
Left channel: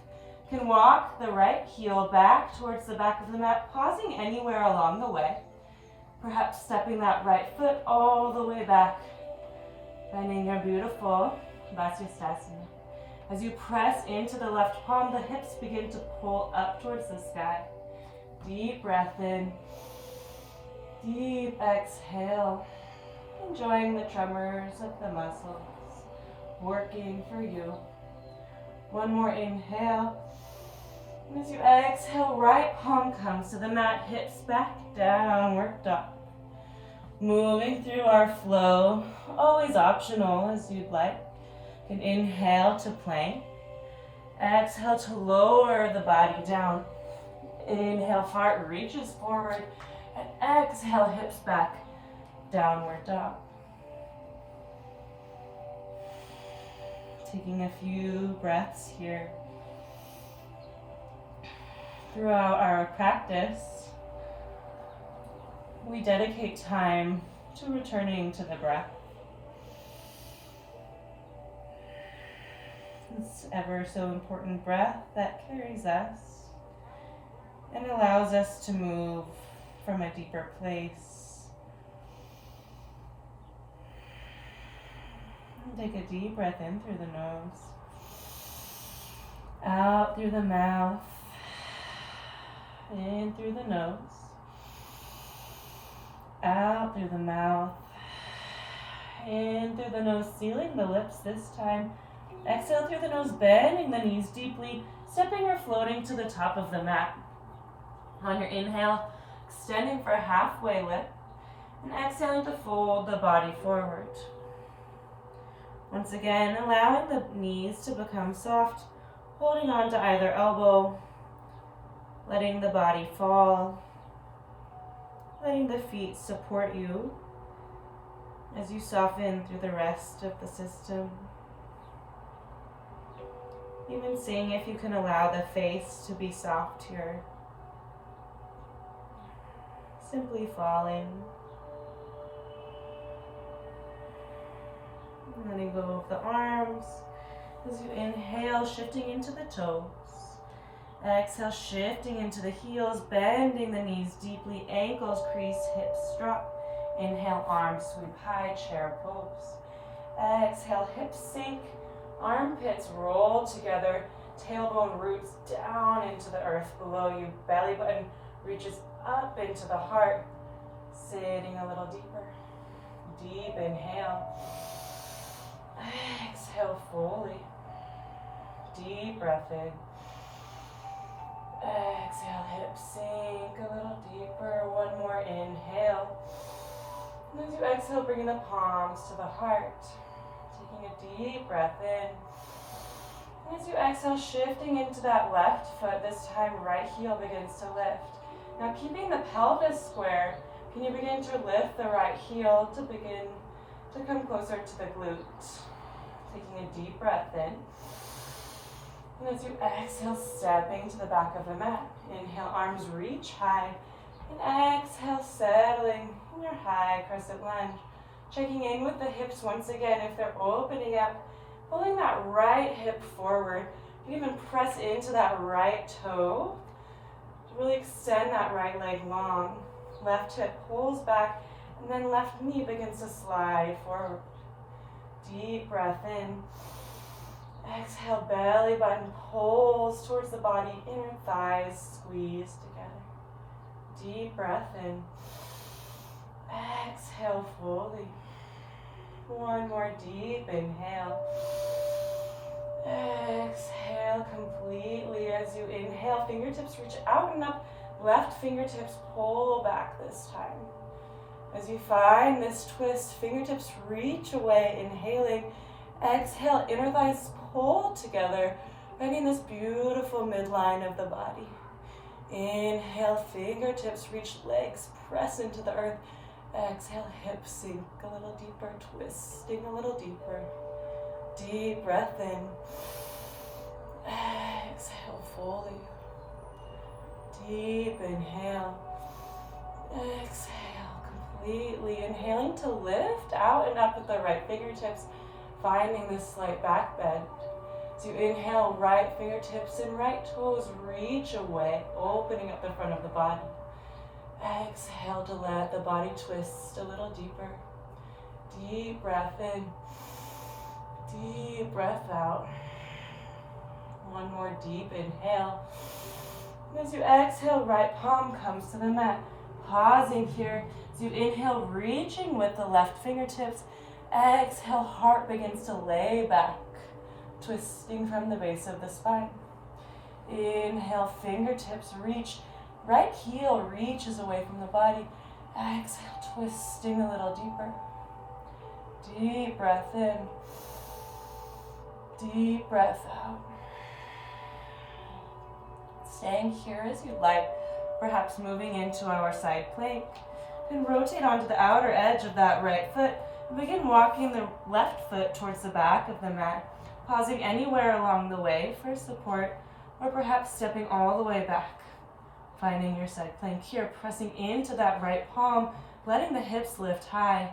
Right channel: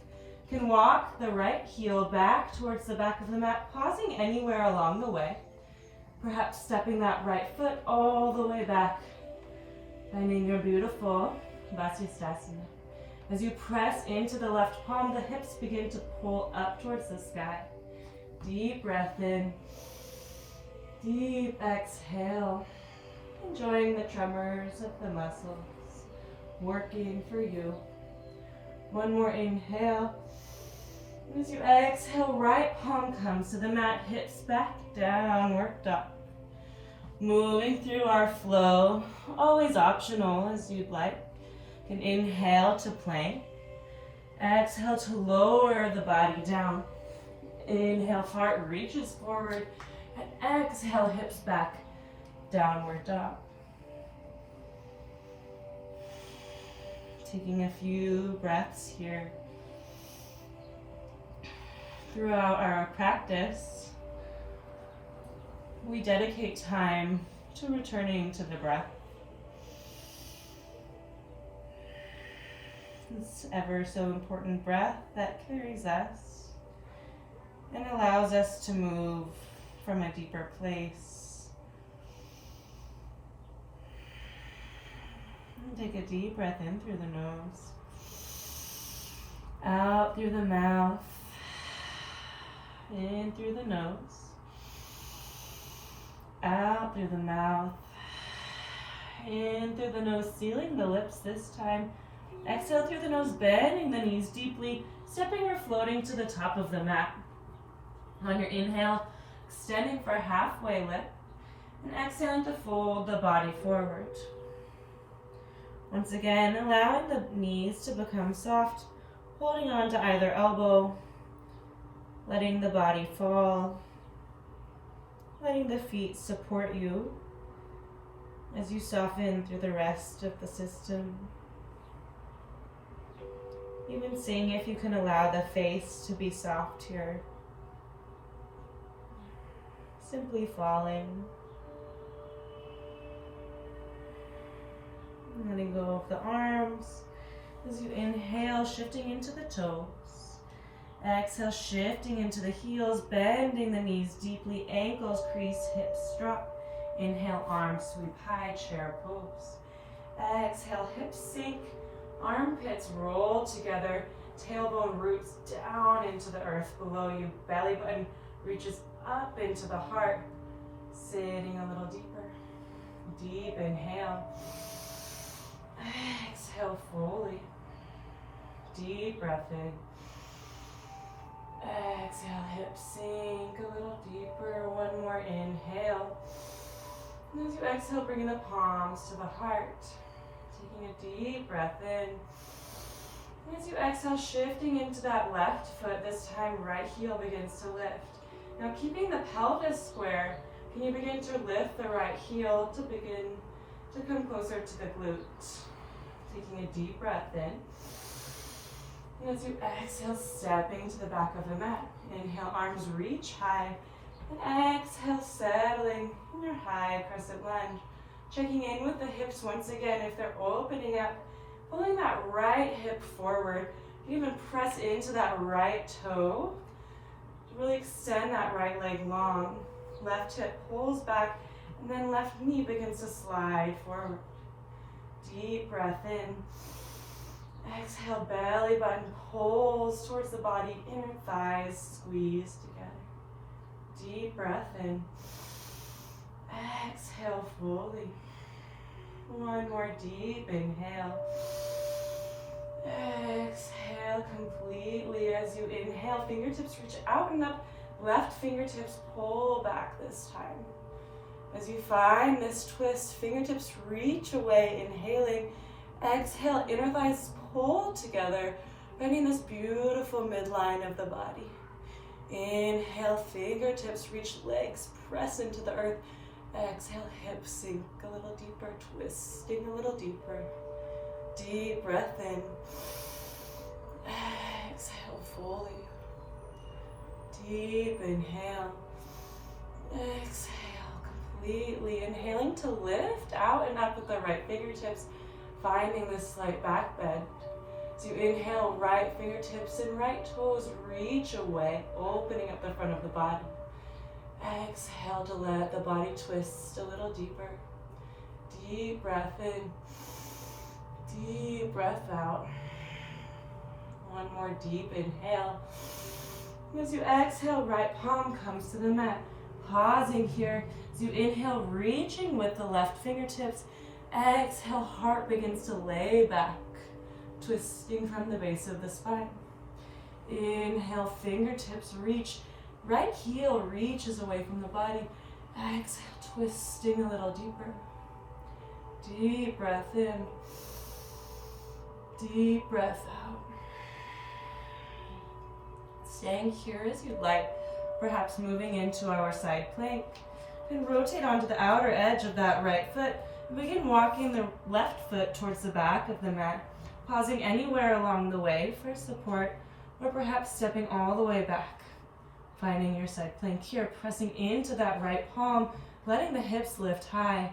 You can walk the right heel back towards the back of the mat, pausing anywhere along the way. Perhaps stepping that right foot all the way back, finding your beautiful Vasisthasana. As you press into the left palm, the hips begin to pull up towards the sky. Deep breath in. Deep exhale. Enjoying the tremors of the muscles working for you. One more inhale. As you exhale, right palm comes to the mat, hips back, downward dog. Moving through our flow, always optional as you'd like. You can inhale to plank. Exhale to lower the body down. Inhale, heart reaches forward. And exhale, hips back, downward dog. Taking a few breaths here. Throughout our practice, we dedicate time to returning to the breath. This ever so important breath that carries us and allows us to move from a deeper place. And take a deep breath in through the nose, out through the mouth, in through the nose, out through the mouth, in through the nose, sealing the lips this time. Exhale through the nose, bending the knees deeply, stepping or floating to the top of the mat. On your inhale, extending for a halfway lift, and exhaling to fold the body forward. Once again, allowing the knees to become soft, holding on to either elbow, letting the body fall, letting the feet support you as you soften through the rest of the system. Even seeing if you can allow the face to be soft here. Simply falling. Letting go of the arms. As you inhale, shifting into the toes. Exhale, shifting into the heels, bending the knees deeply, ankles crease, hips drop. Inhale, arms sweep high, chair pose. Exhale, hips sink, armpits roll together. Tailbone roots down into the earth below you. Belly button reaches up into the heart. Sitting a little deeper. Deep inhale. Exhale fully. Deep breath in. Exhale, hips sink a little deeper. One more inhale. And as you exhale, bringing the palms to the heart. Taking a deep breath in. And as you exhale, shifting into that left foot, this time right heel begins to lift. Now keeping the pelvis square, can you begin to lift the right heel to begin to come closer to the glute? Taking a deep breath in. And as you exhale, stepping to the back of the mat. Inhale, arms reach high. And exhale, settling in your high crescent lunge. Checking in with the hips once again if they're opening up. Pulling that right hip forward. You can even press into that right toe. Really extend that right leg long. Left hip pulls back, and then left knee begins to slide forward. Deep breath in. Exhale, belly button pulls towards the body, inner thighs squeeze together. Deep breath in. Exhale fully. One more deep inhale. Exhale completely. As you inhale, fingertips reach out and up. Left fingertips pull back this time. As you find this twist, fingertips reach away, inhaling. Exhale, inner thighs pull together, finding this beautiful midline of the body. Inhale, fingertips reach, legs press into the earth. Exhale, hips sink a little deeper, twisting a little deeper. Deep breath in. Exhale fully. Deep inhale. Exhale completely. Inhaling to lift out and up with the right fingertips, finding this slight back bend. So you inhale, right fingertips and right toes reach away, opening up the front of the body. Exhale to let the body twist a little deeper. Deep breath in. Deep breath out. One more deep inhale. As you exhale, right palm comes to the mat. Pausing here. As you inhale, reaching with the left fingertips. Exhale, heart begins to lay back, twisting from the base of the spine. Inhale, fingertips reach. Right heel reaches away from the body. Exhale, twisting a little deeper. Deep breath in. Deep breath out. Staying here as you'd like, perhaps moving into our side plank. You can rotate onto the outer edge of that right foot and begin walking the left foot towards the back of the mat, pausing anywhere along the way for support, or perhaps stepping all the way back. Finding your side plank here, pressing into that right palm, letting the hips lift high.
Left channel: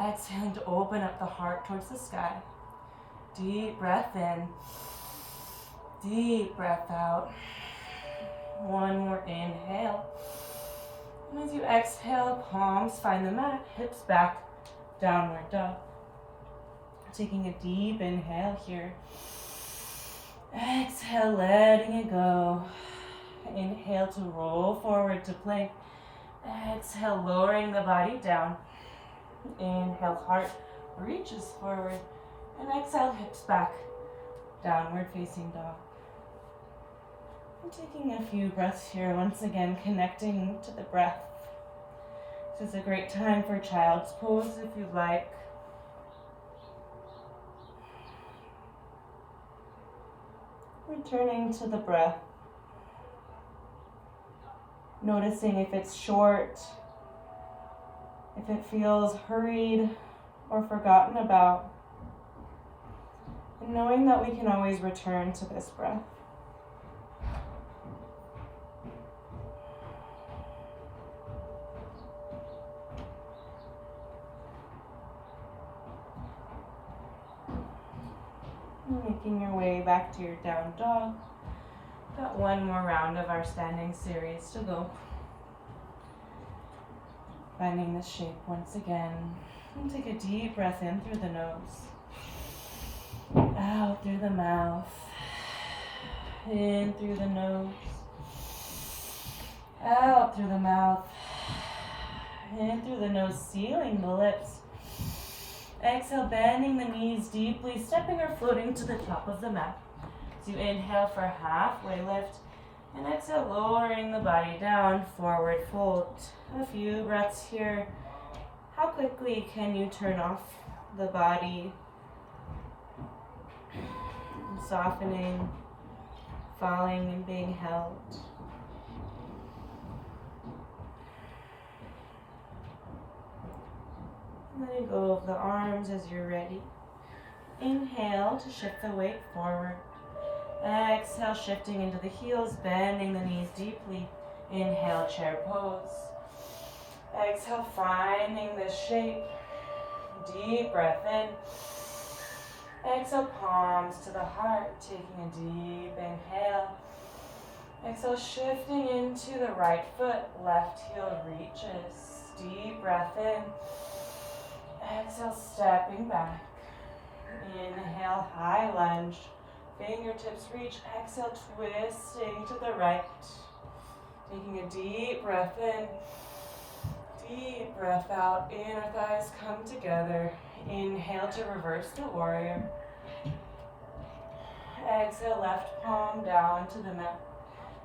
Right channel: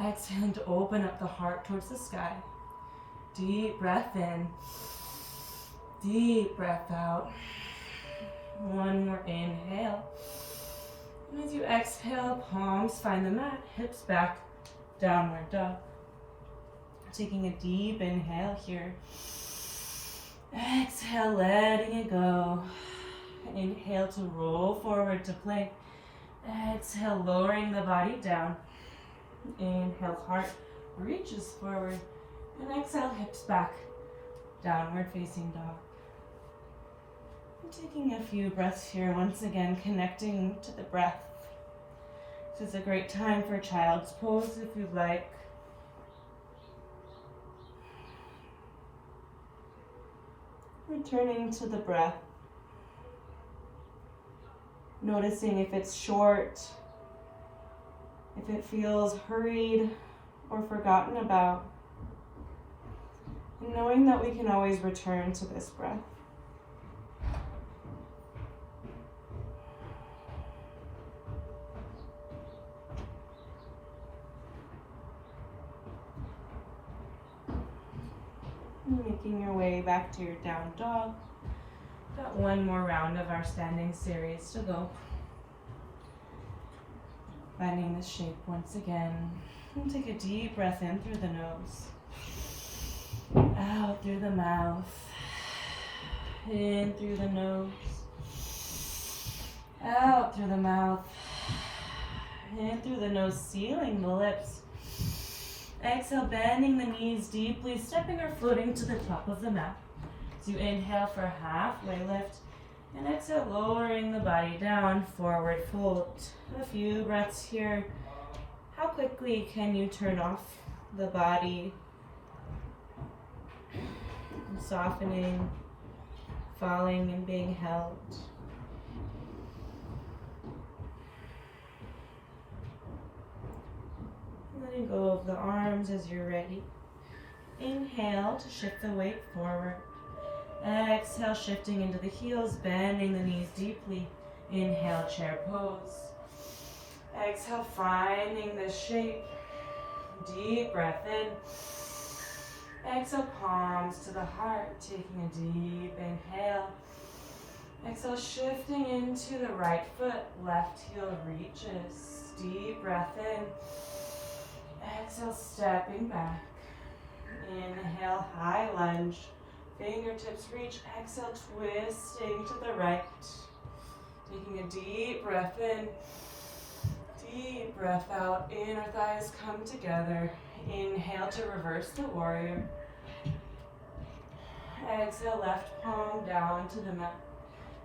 Exhaling to open up the heart towards the sky. Deep breath in. Deep breath out. One more inhale. And as you exhale, palms find the mat, hips back, downward dog. Taking a deep inhale here. Exhale, letting it go. Inhale to roll forward to plank. Exhale, lowering the body down. Inhale, heart reaches forward. And exhale, hips back, downward facing dog. We're taking a few breaths here, once again connecting to the breath. This is a great time for child's pose if you'd like. Returning to the breath. Noticing if it's short, if it feels hurried or forgotten about. And knowing that we can always return to this breath. Making your way back to your down dog. Got one more round of our standing series to go. Finding this shape once again. And take a deep breath in through the nose. Out through the mouth. in through the nose, out through the mouth, in through the nose, sealing the lips. Exhale, bending the knees deeply, stepping or floating to the top of the mat. So you inhale for halfway lift, and exhale, lowering the body down, forward fold. A few breaths here. How quickly can you turn off the body? And softening, falling and being held. Letting go of the arms as you're ready. Inhale to shift the weight forward. Exhale, shifting into the heels, bending the knees deeply. Inhale, chair pose. Exhale, finding this shape. Deep breath in. Exhale, palms to the heart, taking a deep inhale. Exhale, shifting into the right foot, left heel reaches. Deep breath in. Exhale, stepping back. Inhale, high lunge. Fingertips reach. Exhale, twisting to the right. Taking a deep breath in. Deep breath out. Inner thighs come together. Inhale to reverse the warrior. Exhale, left palm down to the mat.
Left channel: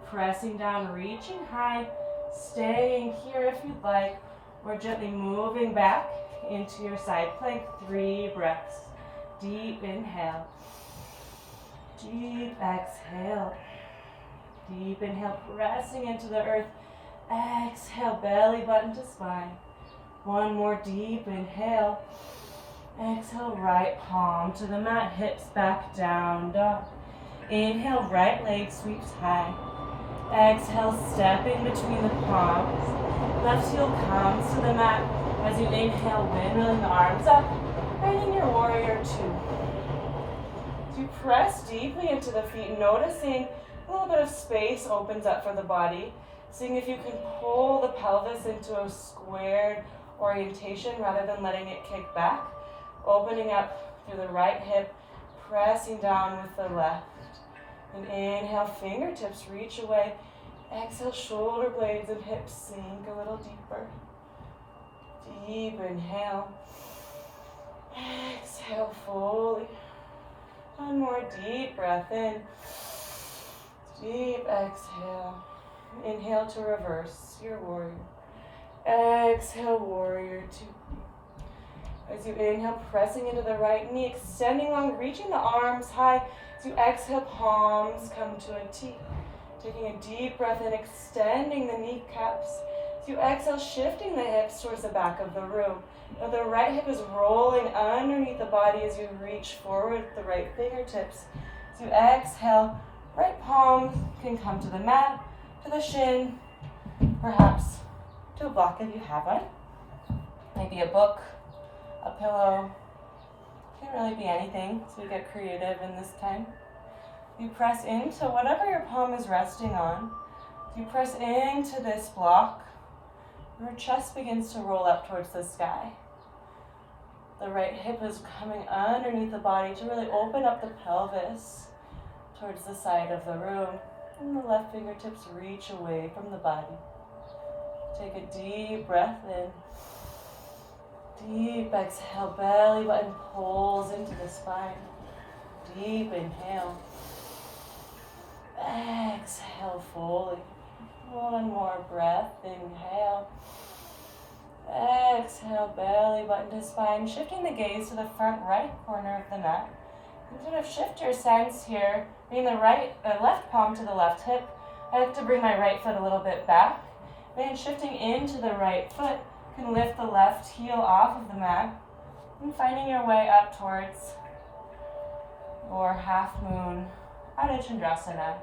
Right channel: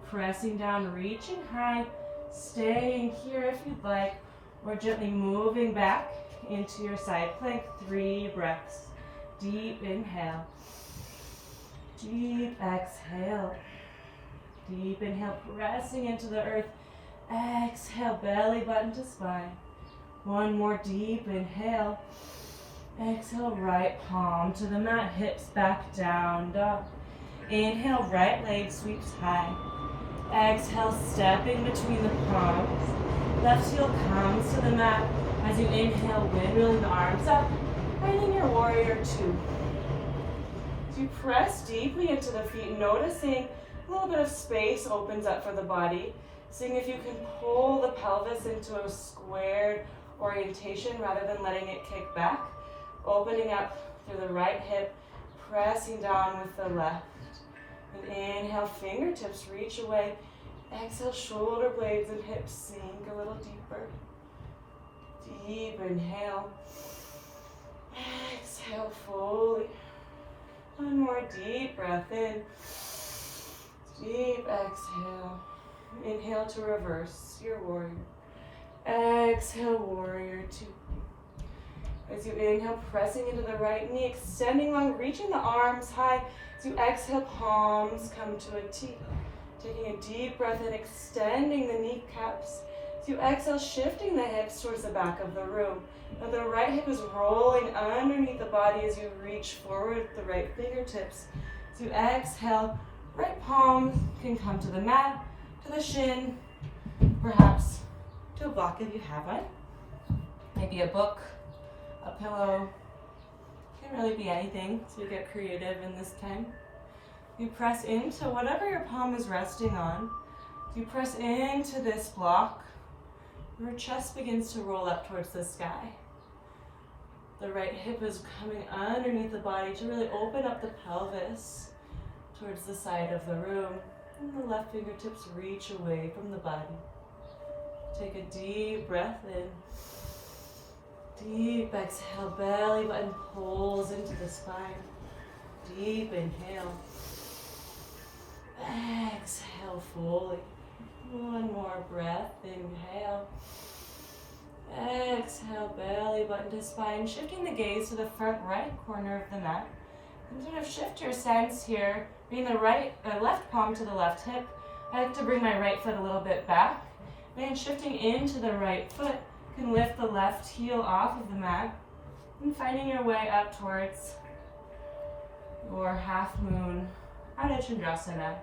Pressing down, reaching high. Staying here if you'd like. Or gently moving back into your side plank. 3 breaths. Deep inhale. Deep exhale. Deep inhale, pressing into the earth. Exhale, belly button to spine. 1 more deep inhale. Exhale, right palm to the mat, hips back down, dog. Inhale, right leg sweeps high. Exhale, stepping between the palms. Left heel comes to the mat. As you inhale, windmilling the arms up, finding your warrior 2. As you press deeply into the feet, noticing a little bit of space opens up for the body. Seeing if you can pull the pelvis into a squared orientation rather than letting it kick back. Opening up through the right hip, pressing down with the left. And inhale, fingertips reach away. Exhale, shoulder blades and hips sink a little deeper. Deep inhale. Exhale fully. 1 more deep breath in. Deep exhale. Inhale to reverse your warrior. Exhale, warrior 2. As you inhale, pressing into the right knee, extending long, reaching the arms high. As you exhale, palms come to a T. Taking a deep breath in, extending the kneecaps. As you exhale, shifting the hips towards the back of the room. Now the right hip is rolling underneath the body as you reach forward with the right fingertips. As you exhale, right palm can come to the mat, to the shin, perhaps to a block if you have one. Maybe a book, a pillow. Can really be anything, so we get creative in this time. You press into whatever your palm is resting on. You press into this block. Your chest begins to roll up towards the sky. The right hip is coming underneath the body to really open up the pelvis towards the side of the room. And the left fingertips reach away from the body. Take a deep breath in. Deep exhale, belly button pulls into the spine. Deep inhale. Exhale fully. 1 more breath, inhale. Exhale, belly button to spine. Shifting the gaze to the front right corner of the mat. And sort of shift your sense here. Bring the left palm to the left hip. I like to bring my right foot a little bit back. Then shifting into the right foot, you can lift the left heel off of the mat. And finding your way up towards your half moon Ardha Chandrasana.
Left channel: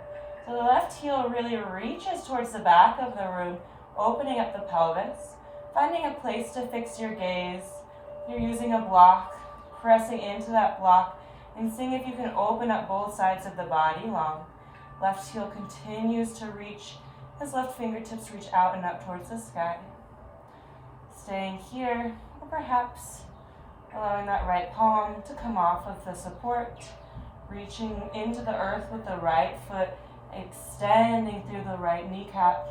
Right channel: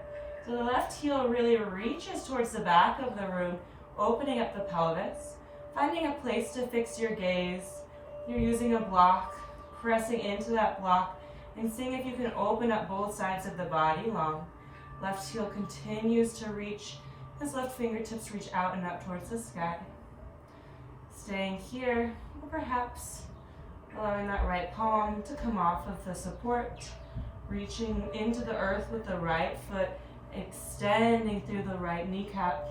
So the left heel really reaches towards the back of the room, opening up the pelvis. Finding a place to fix your gaze. You're using a block, pressing into that block, and seeing if you can open up both sides of the body long. Left heel continues to reach as left fingertips reach out and up towards the sky. Staying here, or perhaps allowing that right palm to come off of the support, reaching into the earth with the right foot, Extending through the right kneecap.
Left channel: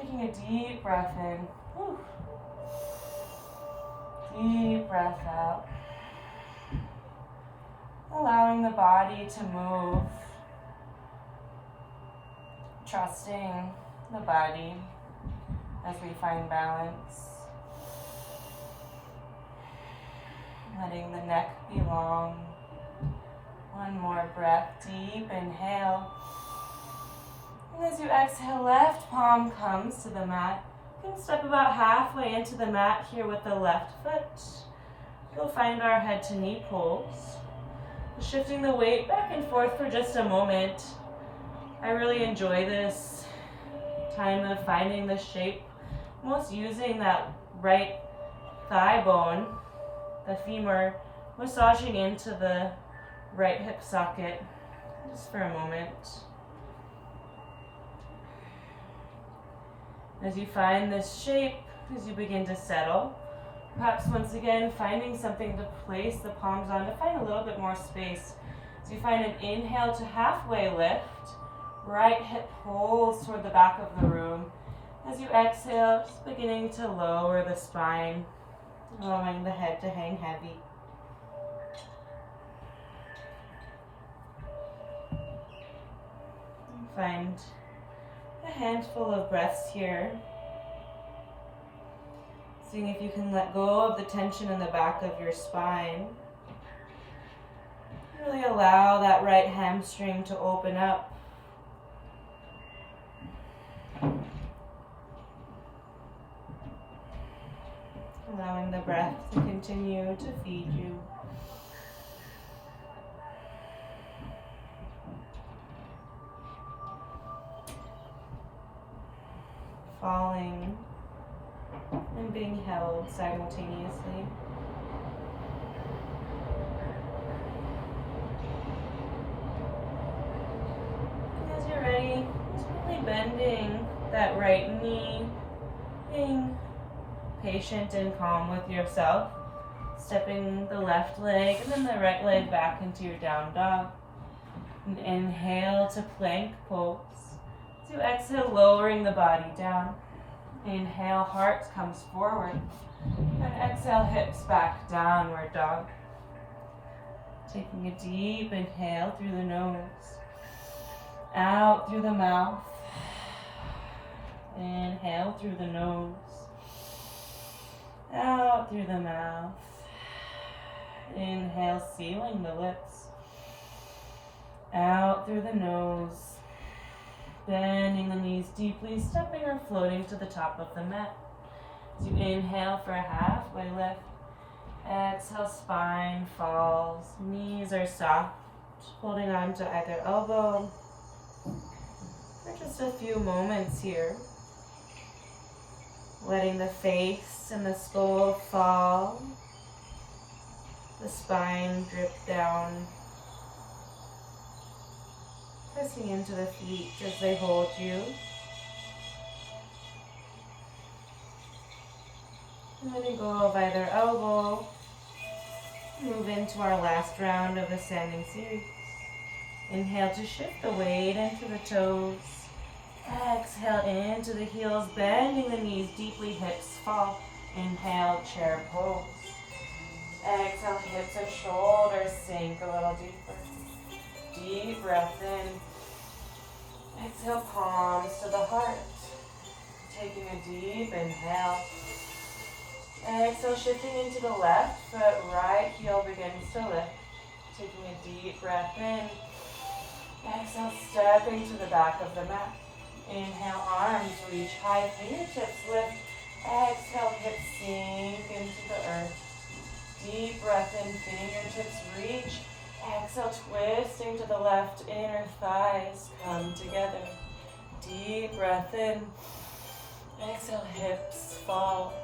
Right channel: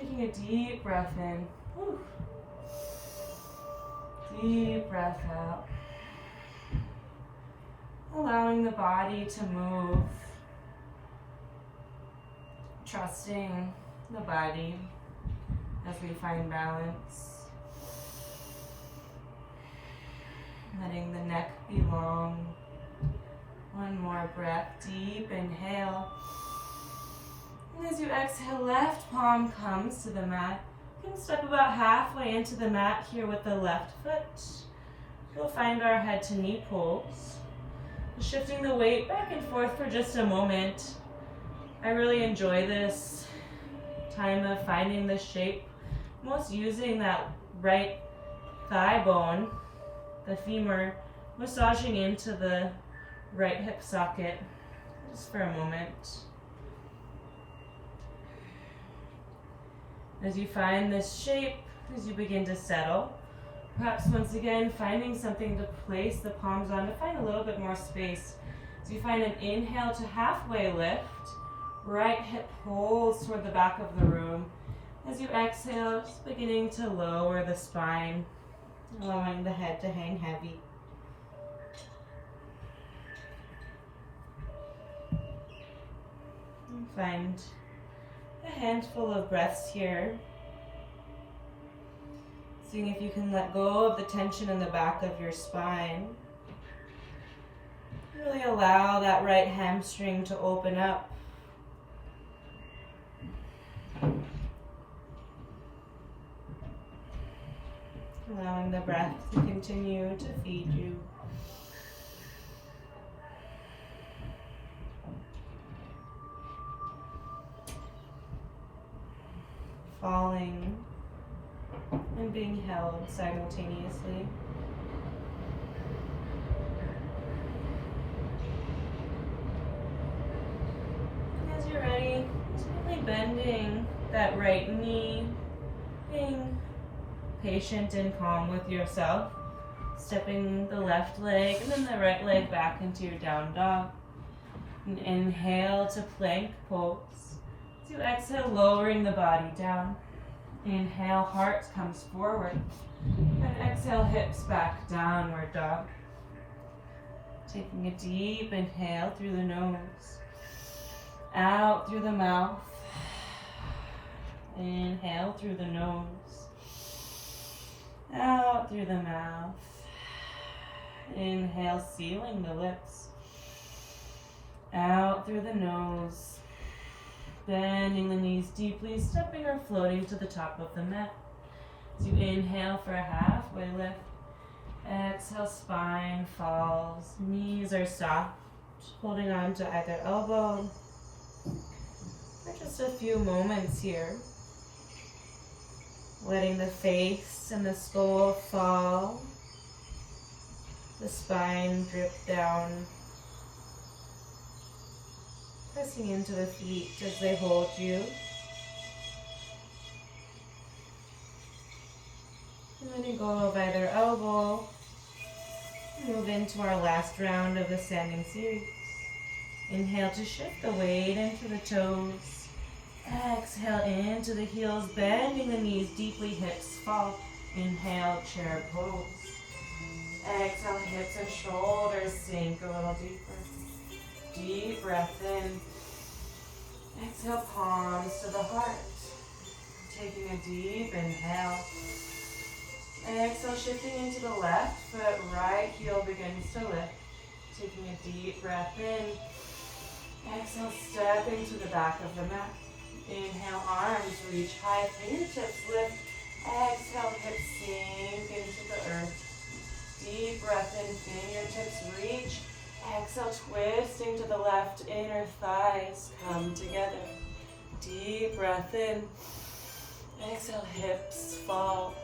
Taking a deep breath in. Whew. Deep breath out. Allowing the body to move. Trusting the body as we find balance. Letting the neck be long. One more breath. Deep inhale. And as you exhale, left palm comes to the mat. You can step about halfway into the mat here with the left foot. You'll find our head to knee pulls. Shifting the weight back and forth for just a moment. I really enjoy this time of finding the shape, most using that right thigh bone, the femur, massaging into the right hip socket, just for a moment. As you find this shape, as you begin to settle, perhaps once again finding something to place the palms on to find a little bit more space. As you find an inhale to halfway lift, right hip pulls toward the back of the room. As you exhale, just beginning to lower the spine, allowing the head to hang heavy. And find a handful of breaths here. Seeing if you can let go of the tension in the back of your spine. Really allow that right hamstring to open up. Allowing the breath to continue to feed you. Falling and being held simultaneously. As you're ready, just really bending that right knee, being patient and calm with yourself, stepping the left leg and then the right leg back into your down dog. And inhale to plank pose. As you exhale, lowering the body down. Inhale, heart comes forward. And exhale, hips back, downward dog. Taking a deep inhale through the nose. Out through the mouth. Inhale through the nose. Out through the mouth. Inhale, sealing the lips. Out through the nose. Bending the knees deeply, stepping or floating to the top of the mat. As you inhale for a halfway lift. Exhale, spine falls. Knees are soft. Holding on to either elbow. For just a few moments here. Letting the face and the skull fall. The spine drip down. Pressing into the feet as they hold you. And letting go of either elbow. Move into our last round of the standing series. Inhale to shift the weight into the toes. Exhale into the heels, bending the knees deeply, hips fall. Inhale, chair pose. Exhale, hips and shoulders sink a little deeper. Deep breath in. Exhale, palms to the heart. Taking a deep inhale. Exhale, shifting into the left foot, right heel begins to lift. Taking a deep breath in. Exhale, stepping to the back of the mat. Inhale, arms reach high, fingertips lift. Exhale, hips sink into the earth. Deep breath in, fingertips reach. Exhale, twisting to the left, inner thighs come together. Deep breath in. Exhale, hips fall.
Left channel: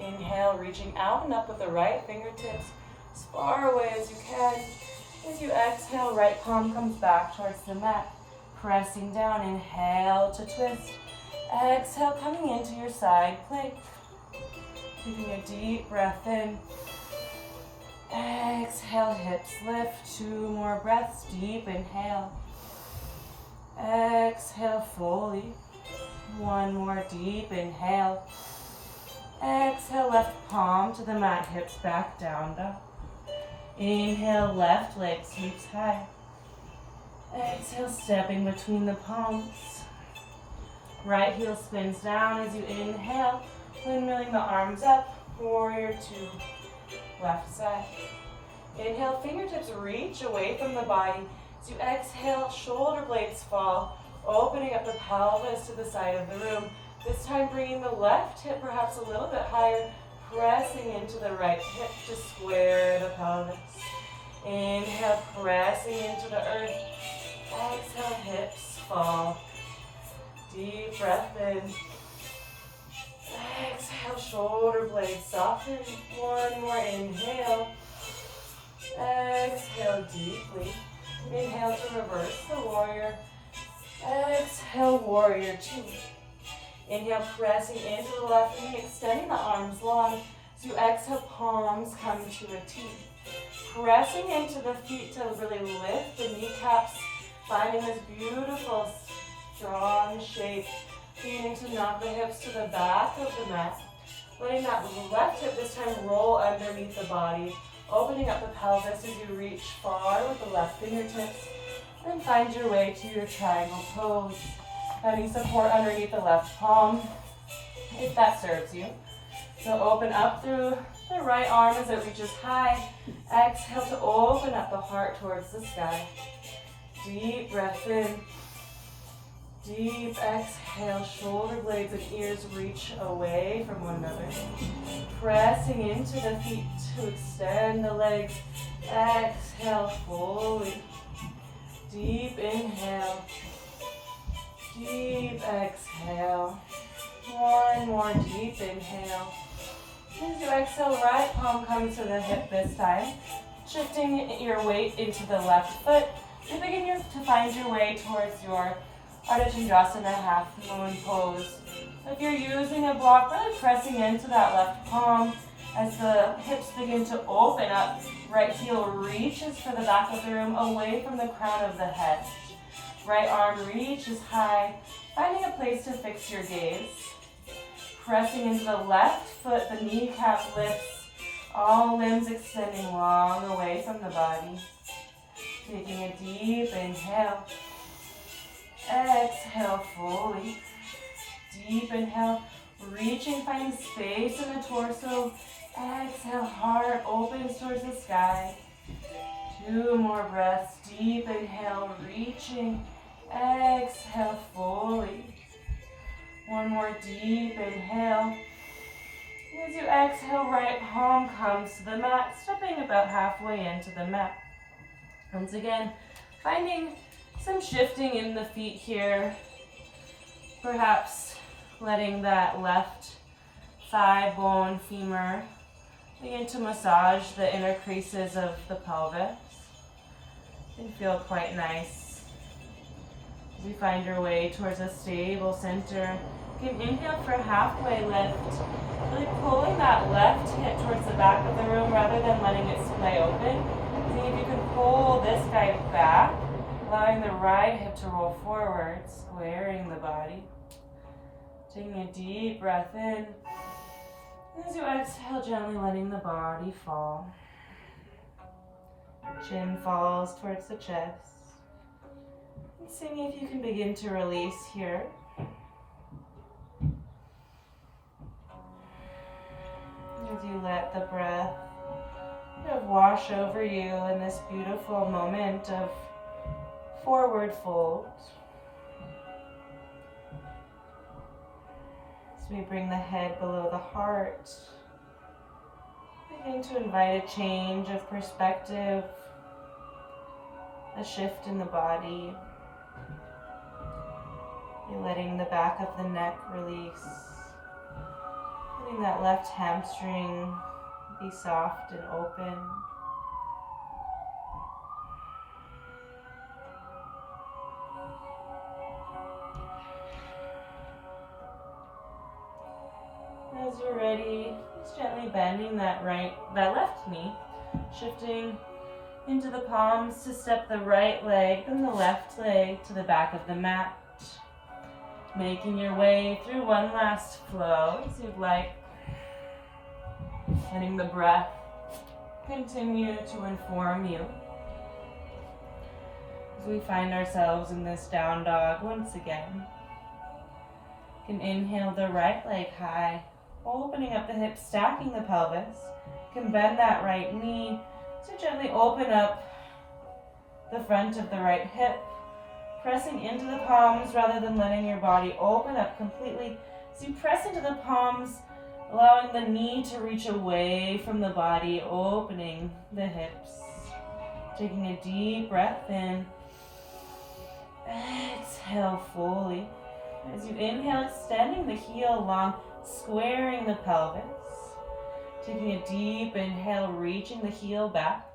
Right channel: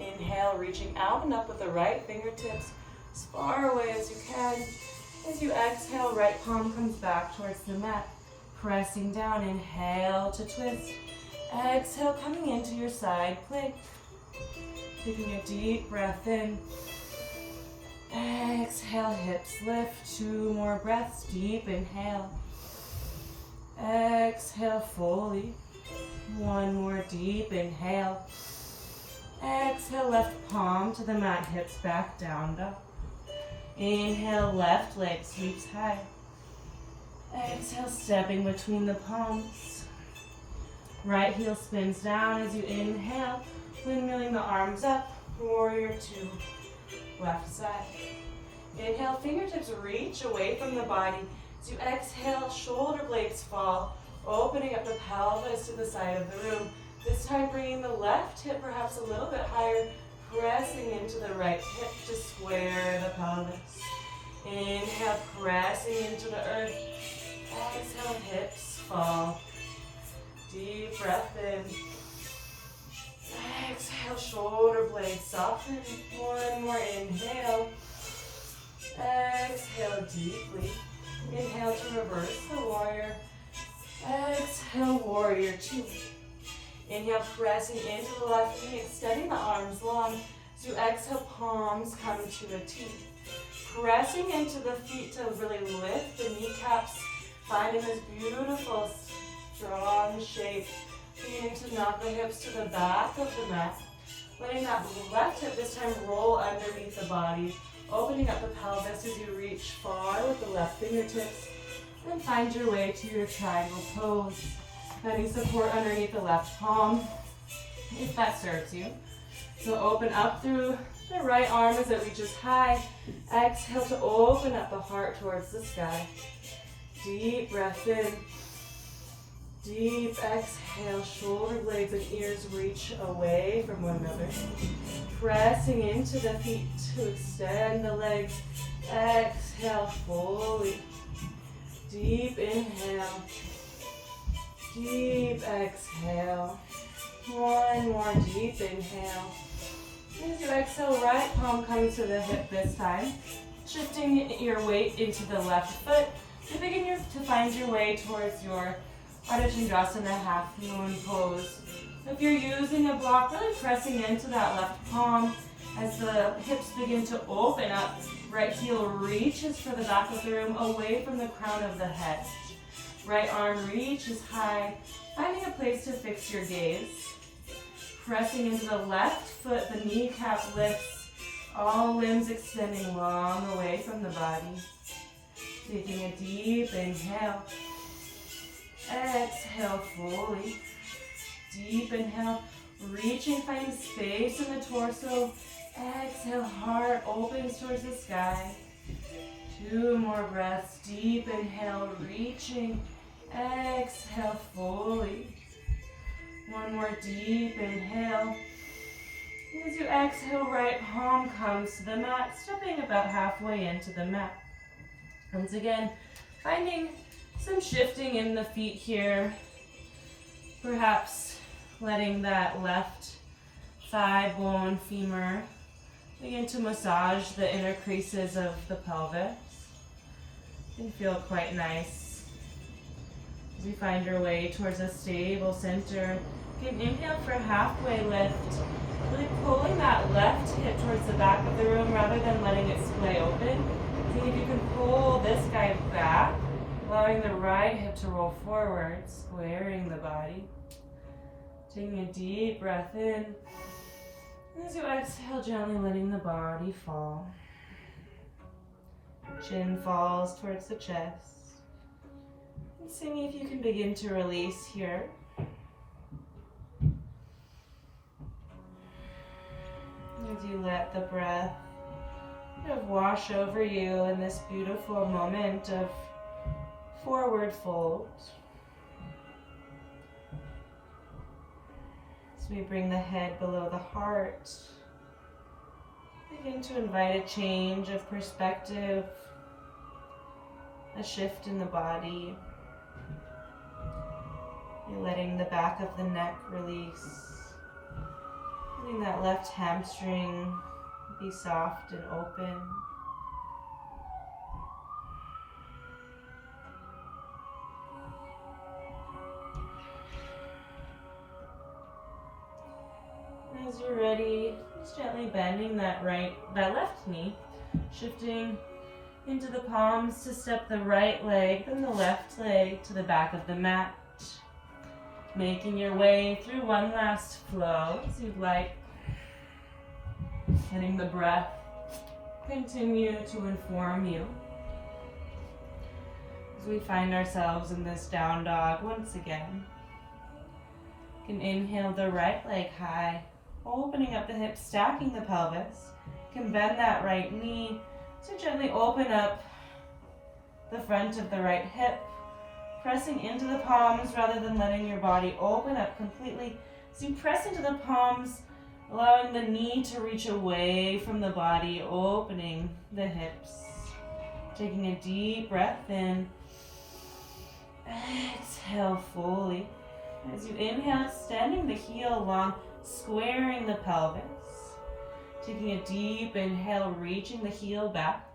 Inhale, reaching out and up with the right fingertips as far away as you can. As you exhale, right palm comes back towards the mat. Pressing down, inhale to twist. Exhale, coming into your side plank. Taking a deep breath in. Exhale, hips lift. 2 more breaths. Deep inhale. Exhale fully. One more deep inhale. Exhale, left palm to the mat, hips back, down dog. Inhale, left leg sweeps high. Exhale, stepping between the palms. Right heel spins down as you inhale, windmilling the arms up, warrior two, left side. Inhale, fingertips reach away from the body. As you exhale, shoulder blades fall, opening up the pelvis to the side of the room. This time bringing the left hip perhaps a little bit higher, pressing into the right hip to square the pelvis. Inhale, pressing into the earth. Exhale, hips fall. Deep breath in. Exhale, shoulder blades soften. One more inhale. Exhale deeply. Inhale to reverse the warrior. Exhale, warrior two. Inhale, pressing into the left knee, extending the arms long. So exhale, palms come to a T. Pressing into the feet to really lift the kneecaps, finding this beautiful, strong shape. Beginning to knock the hips to the back of the mat. Letting that left hip this time roll underneath the body. Opening up the pelvis as you reach far with the left fingertips. And find your way to your triangle pose. Finding support underneath the left palm, if that serves you. So open up through the right arm as it reaches high. Exhale to open up the heart towards the sky. Deep breath in. Deep exhale, shoulder blades and ears reach away from one another. Pressing into the feet to extend the legs. Exhale fully. Deep inhale. Deep exhale. One more deep inhale. As you exhale, right palm comes to the hip this time. Shifting your weight into the left foot. And begin to find your way towards your Ardha Chandrasana half moon pose. If you're using a block, really pressing into that left palm as the hips begin to open up. Right heel reaches for the back of the room, away from the crown of the head. Right arm reaches high, finding a place to fix your gaze. Pressing into the left foot, the kneecap lifts, all limbs extending long away from the body. Taking a deep inhale. Exhale fully. Deep inhale, reaching, finding space in the torso. Exhale, heart opens towards the sky. Two more breaths. Deep inhale, reaching. Exhale fully. One more deep inhale. As you exhale, right palm comes to the mat, stepping about halfway into the mat. Once again, finding some shifting in the feet here. Perhaps letting that left thigh bone, femur, begin to massage the inner creases of the pelvis. It can feel quite nice. As you find your way towards a stable center, you can inhale for halfway lift. Really pulling that left hip towards the back of the room rather than letting it splay open. See if you can pull this guy back, allowing the right hip to roll forward, squaring the body. Taking a deep breath in. As you exhale, gently letting the body fall. Chin falls towards the chest. And seeing if you can begin to release here. As you let the breath kind of wash over you in this beautiful moment of forward fold. As we bring the head below the heart, begin to invite a change of perspective, a shift in the body. You're letting the back of the neck release. Letting that left hamstring be soft and open. As you're ready, just gently bending that left knee, shifting into the palms to step the right leg, then the left leg to the back of the mat. Making your way through one last flow as you'd like. Letting the breath continue to inform you. As we find ourselves in this down dog once again. You can inhale the right leg high, opening up the hips, stacking the pelvis. You can bend that right knee to gently open up the front of the right hip, pressing into the palms rather than letting your body open up completely. As you press into the palms, allowing the knee to reach away from the body, opening the hips. Taking a deep breath in. Exhale fully. As you inhale, extending the heel long, squaring the pelvis. Taking a deep inhale, reaching the heel back.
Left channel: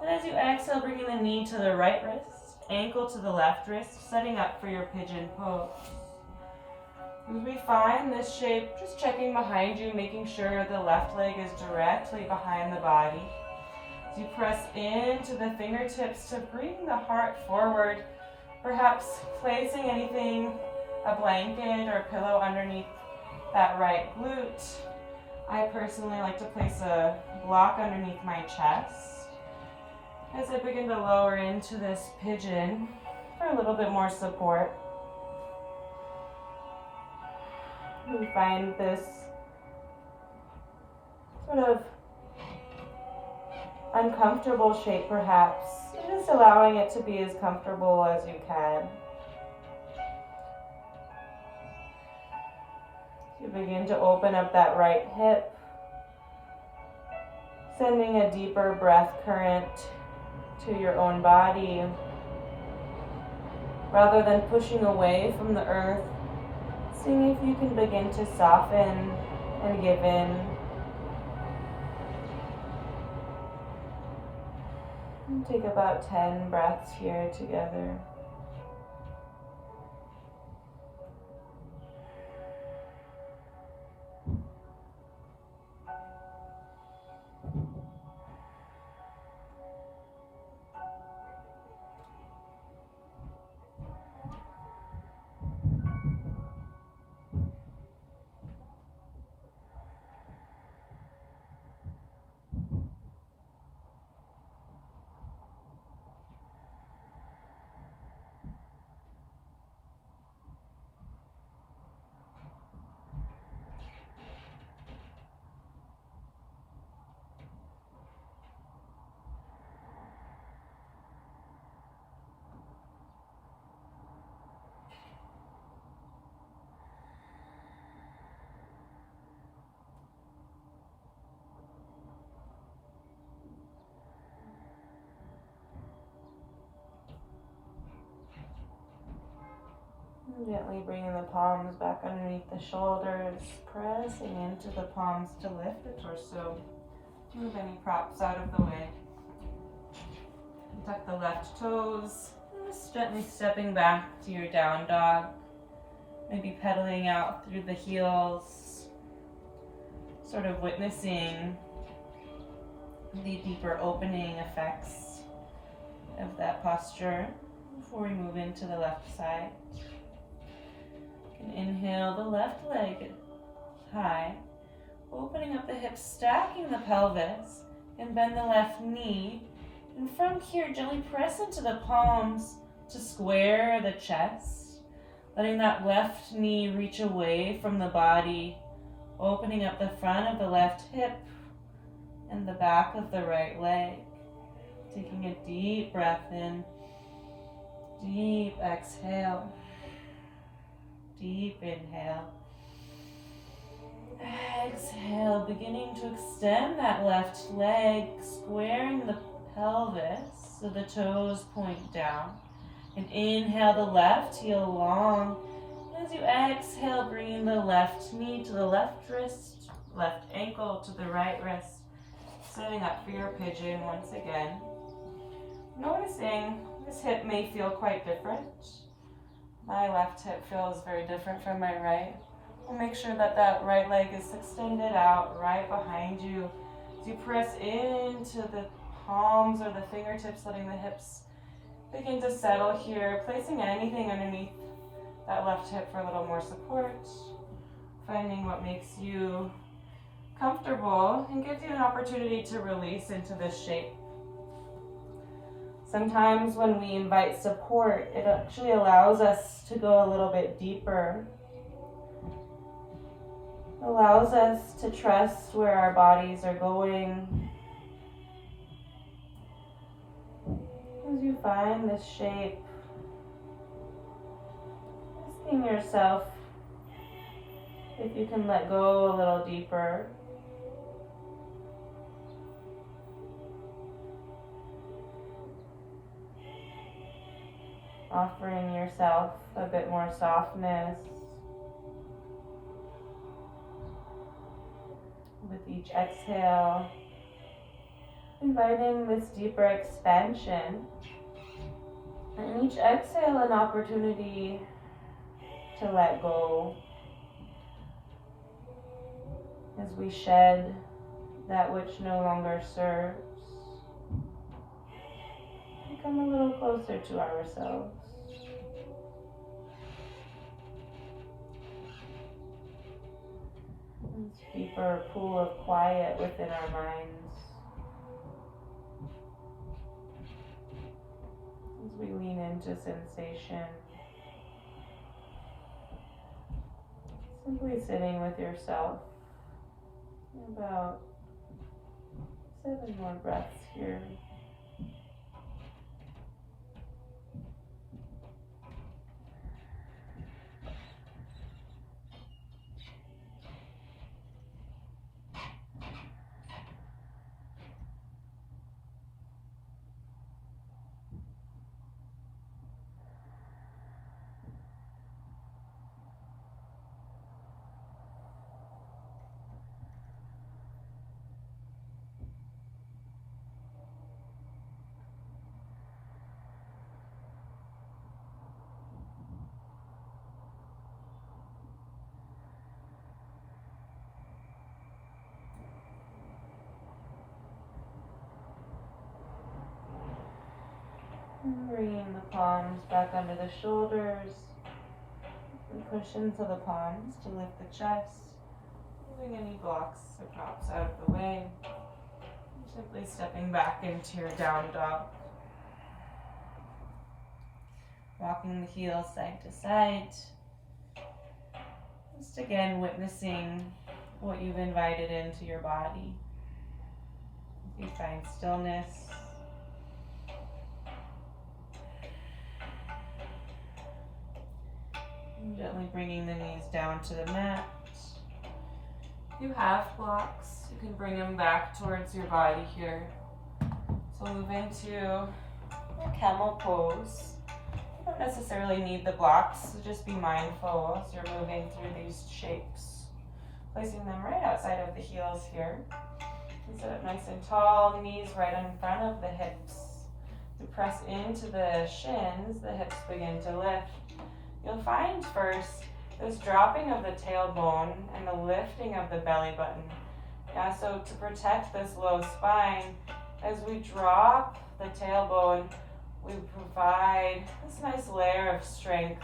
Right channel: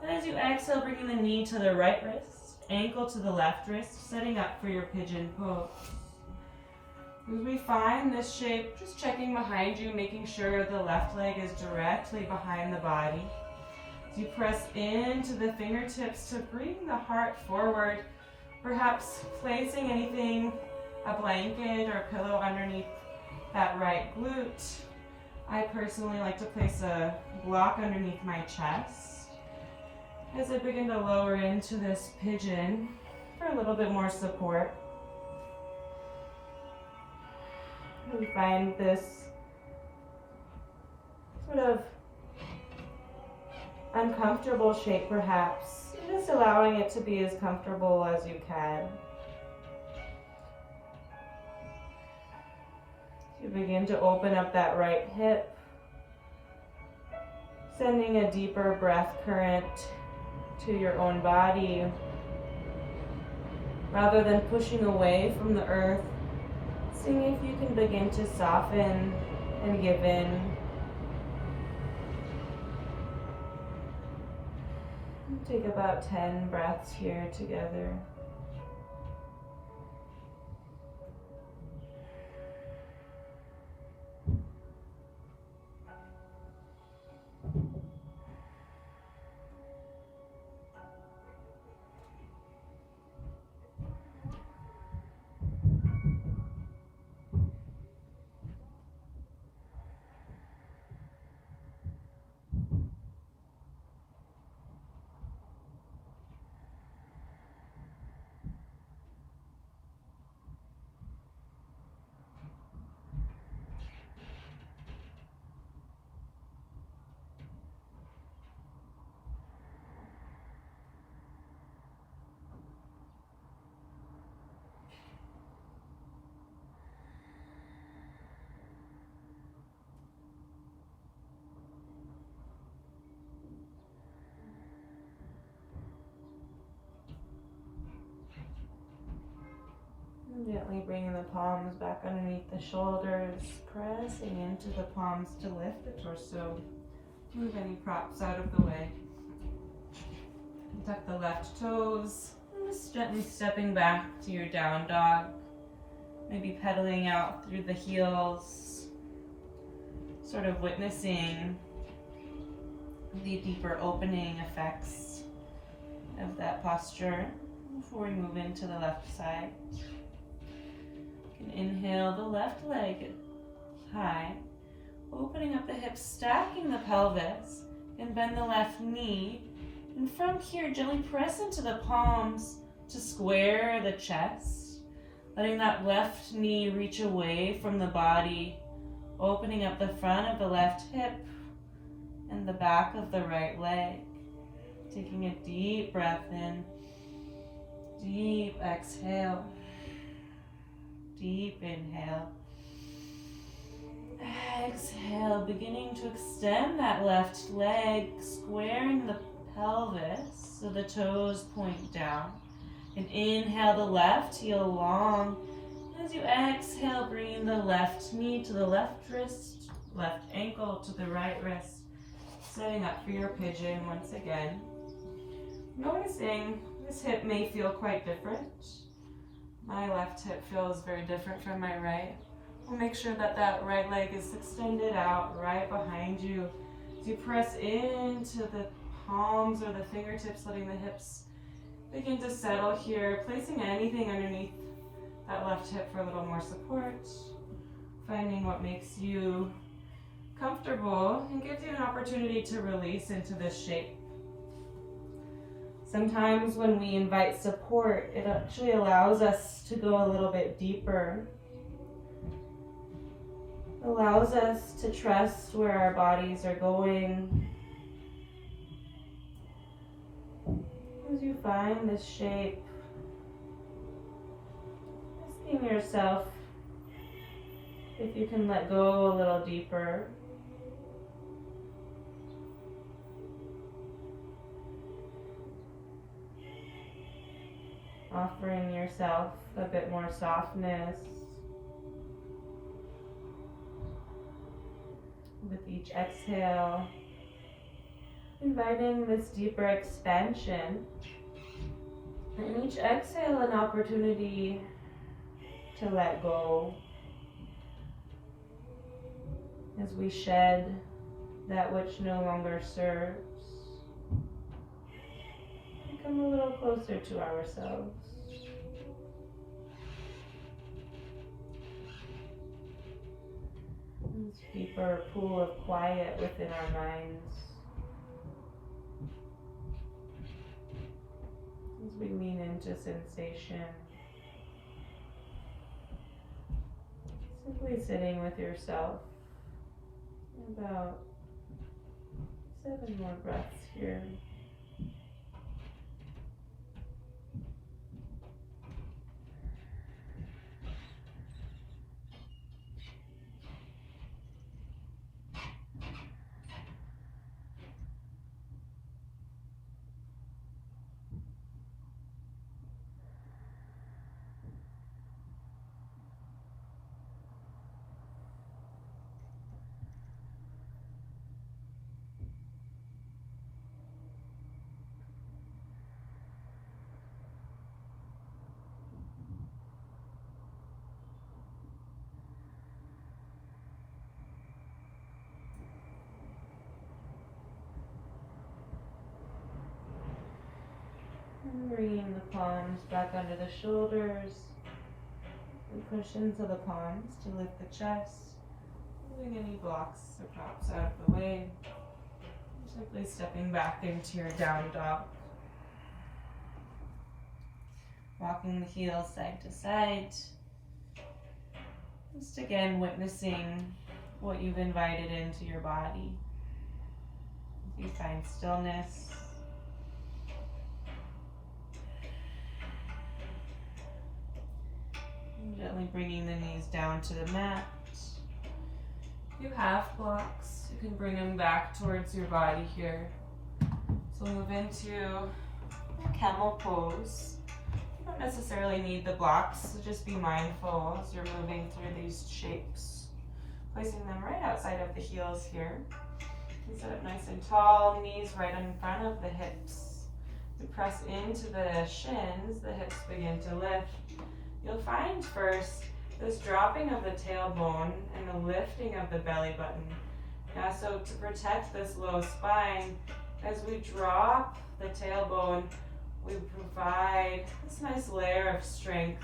And as you exhale, bringing the knee to the right wrist, ankle to the left wrist, setting up for your pigeon pose. As we find this shape, just checking behind you, making sure the left leg is directly behind the body. As you press into the fingertips to bring the heart forward, perhaps placing anything, a blanket or a pillow underneath that right glute. I personally like to place a block underneath my chest as I begin to lower into this pigeon for a little bit more support. We find this sort of uncomfortable shape perhaps, just allowing it to be as comfortable as you can. You begin to open up that right hip, sending a deeper breath current to your own body. Rather than pushing away from the earth, seeing if you can begin to soften and give in. And take about 10 breaths here together. Gently bringing the palms back underneath the shoulders, pressing into the palms to lift the torso. Move any props out of the way. Tuck the left toes, just gently stepping back to your down dog. Maybe pedaling out through the heels, sort of witnessing the deeper opening effects of that posture before we move into the left side. Inhale the left leg high, opening up the hips, stacking the pelvis, and bend the left knee. And from here, gently press into the palms to square the chest, letting that left knee reach away from the body, opening up the front of the left hip and the back of the right leg. Taking a deep breath in, deep exhale. Deep inhale. Exhale, beginning to extend that left leg, squaring the pelvis so the toes point down. And inhale the left heel long. As you exhale, bringing the left knee to the left wrist, left ankle to the right wrist. Setting up for your pigeon once again. Noticing this hip may feel quite different. My left hip feels very different from my right. We'll make sure that that right leg is extended out right behind you. As you press into the palms or the fingertips, letting the hips begin to settle here, placing anything underneath that left hip for a little more support, finding what makes you comfortable and gives you an opportunity to release into this shape. Sometimes when we invite support, it actually allows us to go a little bit deeper. Allows us to trust where our bodies are going. As you find this shape, asking yourself if you can let go a little deeper. Offering yourself a bit more softness with each exhale, inviting this deeper expansion, and each exhale an opportunity to let go as we shed that which no longer serves. Come a little closer to ourselves. This deeper pool of quiet within our minds. As we lean into sensation. Simply sitting with yourself. About 7 more breaths here. And bringing the palms back under the shoulders, the cushions of the palms to lift the chest, moving any blocks or props out of the way. Simply stepping back into your down dog. Walking the heels side to side. Just again witnessing what you've invited into your body. As you find stillness. Gently bringing the knees down to the mat. If you have blocks, you can bring them back towards your body here. So move into a camel pose. You don't necessarily need the blocks, so just be mindful as you're moving through these shapes. Placing them right outside of the heels here. And sit up nice and tall, knees right in front of the hips. To press into the shins, the hips begin to lift. You'll find first this dropping of the tailbone and the lifting of the belly button. Yeah, so to protect this low spine, as we drop the tailbone, we provide this nice layer of strength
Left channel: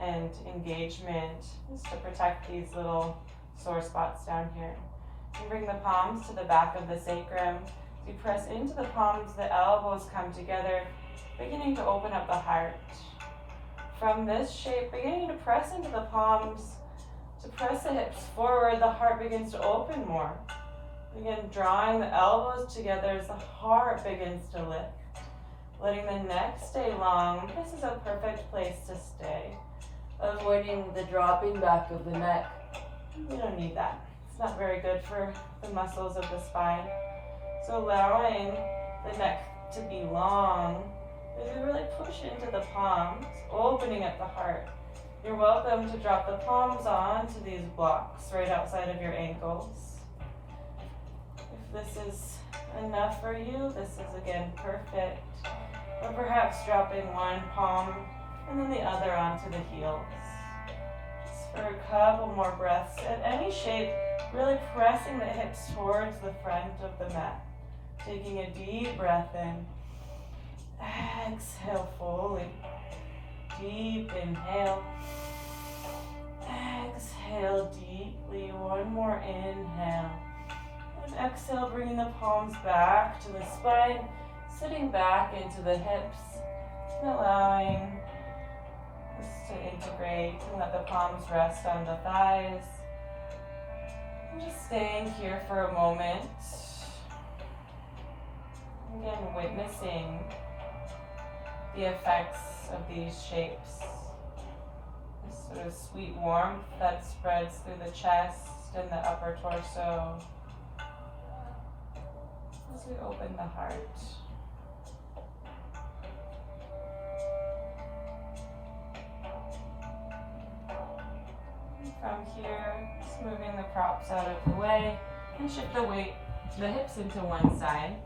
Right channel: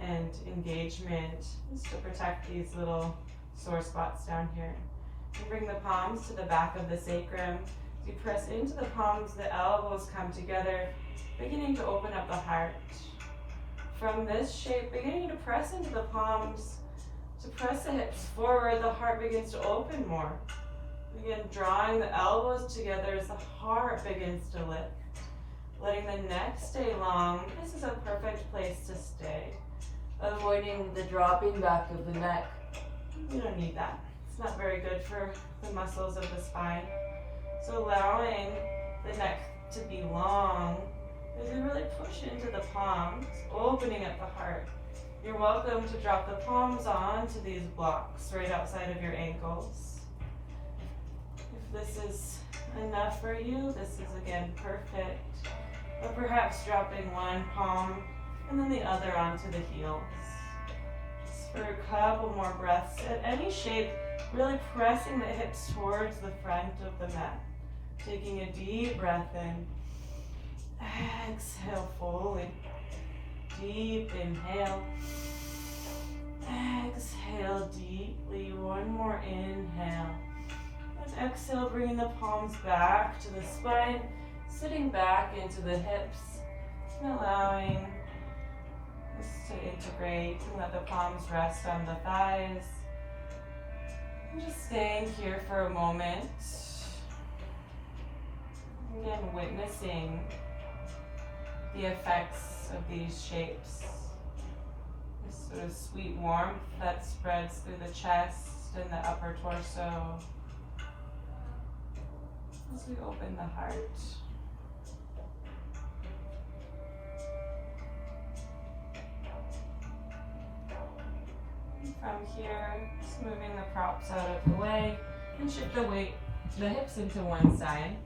and engagement just to protect these little sore spots down here. You bring the palms to the back of the sacrum. As you press into the palms, the elbows come together, beginning to open up the heart. From this shape, beginning to press into the palms, to press the hips forward, the heart begins to open more. Begin drawing the elbows together as the heart begins to lift. Letting the neck stay long. This is a perfect place to stay. Avoiding the dropping back of the neck. We don't need that. It's not very good for the muscles of the spine. So allowing the neck to be long. As you really push into the palms, opening up the heart. You're welcome to drop the palms onto these blocks right outside of your ankles. If this is enough for you, this is again perfect. Or perhaps dropping one palm and then the other onto the heels. Just for a couple more breaths. At any shape, really pressing the hips towards the front of the mat. Taking a deep breath in. Exhale fully. Deep inhale. Exhale deeply. One more inhale. And exhale, bringing the palms back to the spine, sitting back into the hips, and allowing this to integrate and let the palms rest on the thighs. And just staying here for a moment. Again, witnessing the effects of these shapes. This sort of sweet warmth that spreads through the chest and the upper torso as we open the heart. And from here, just moving the props out of the way and shift the weight, the hips into one side.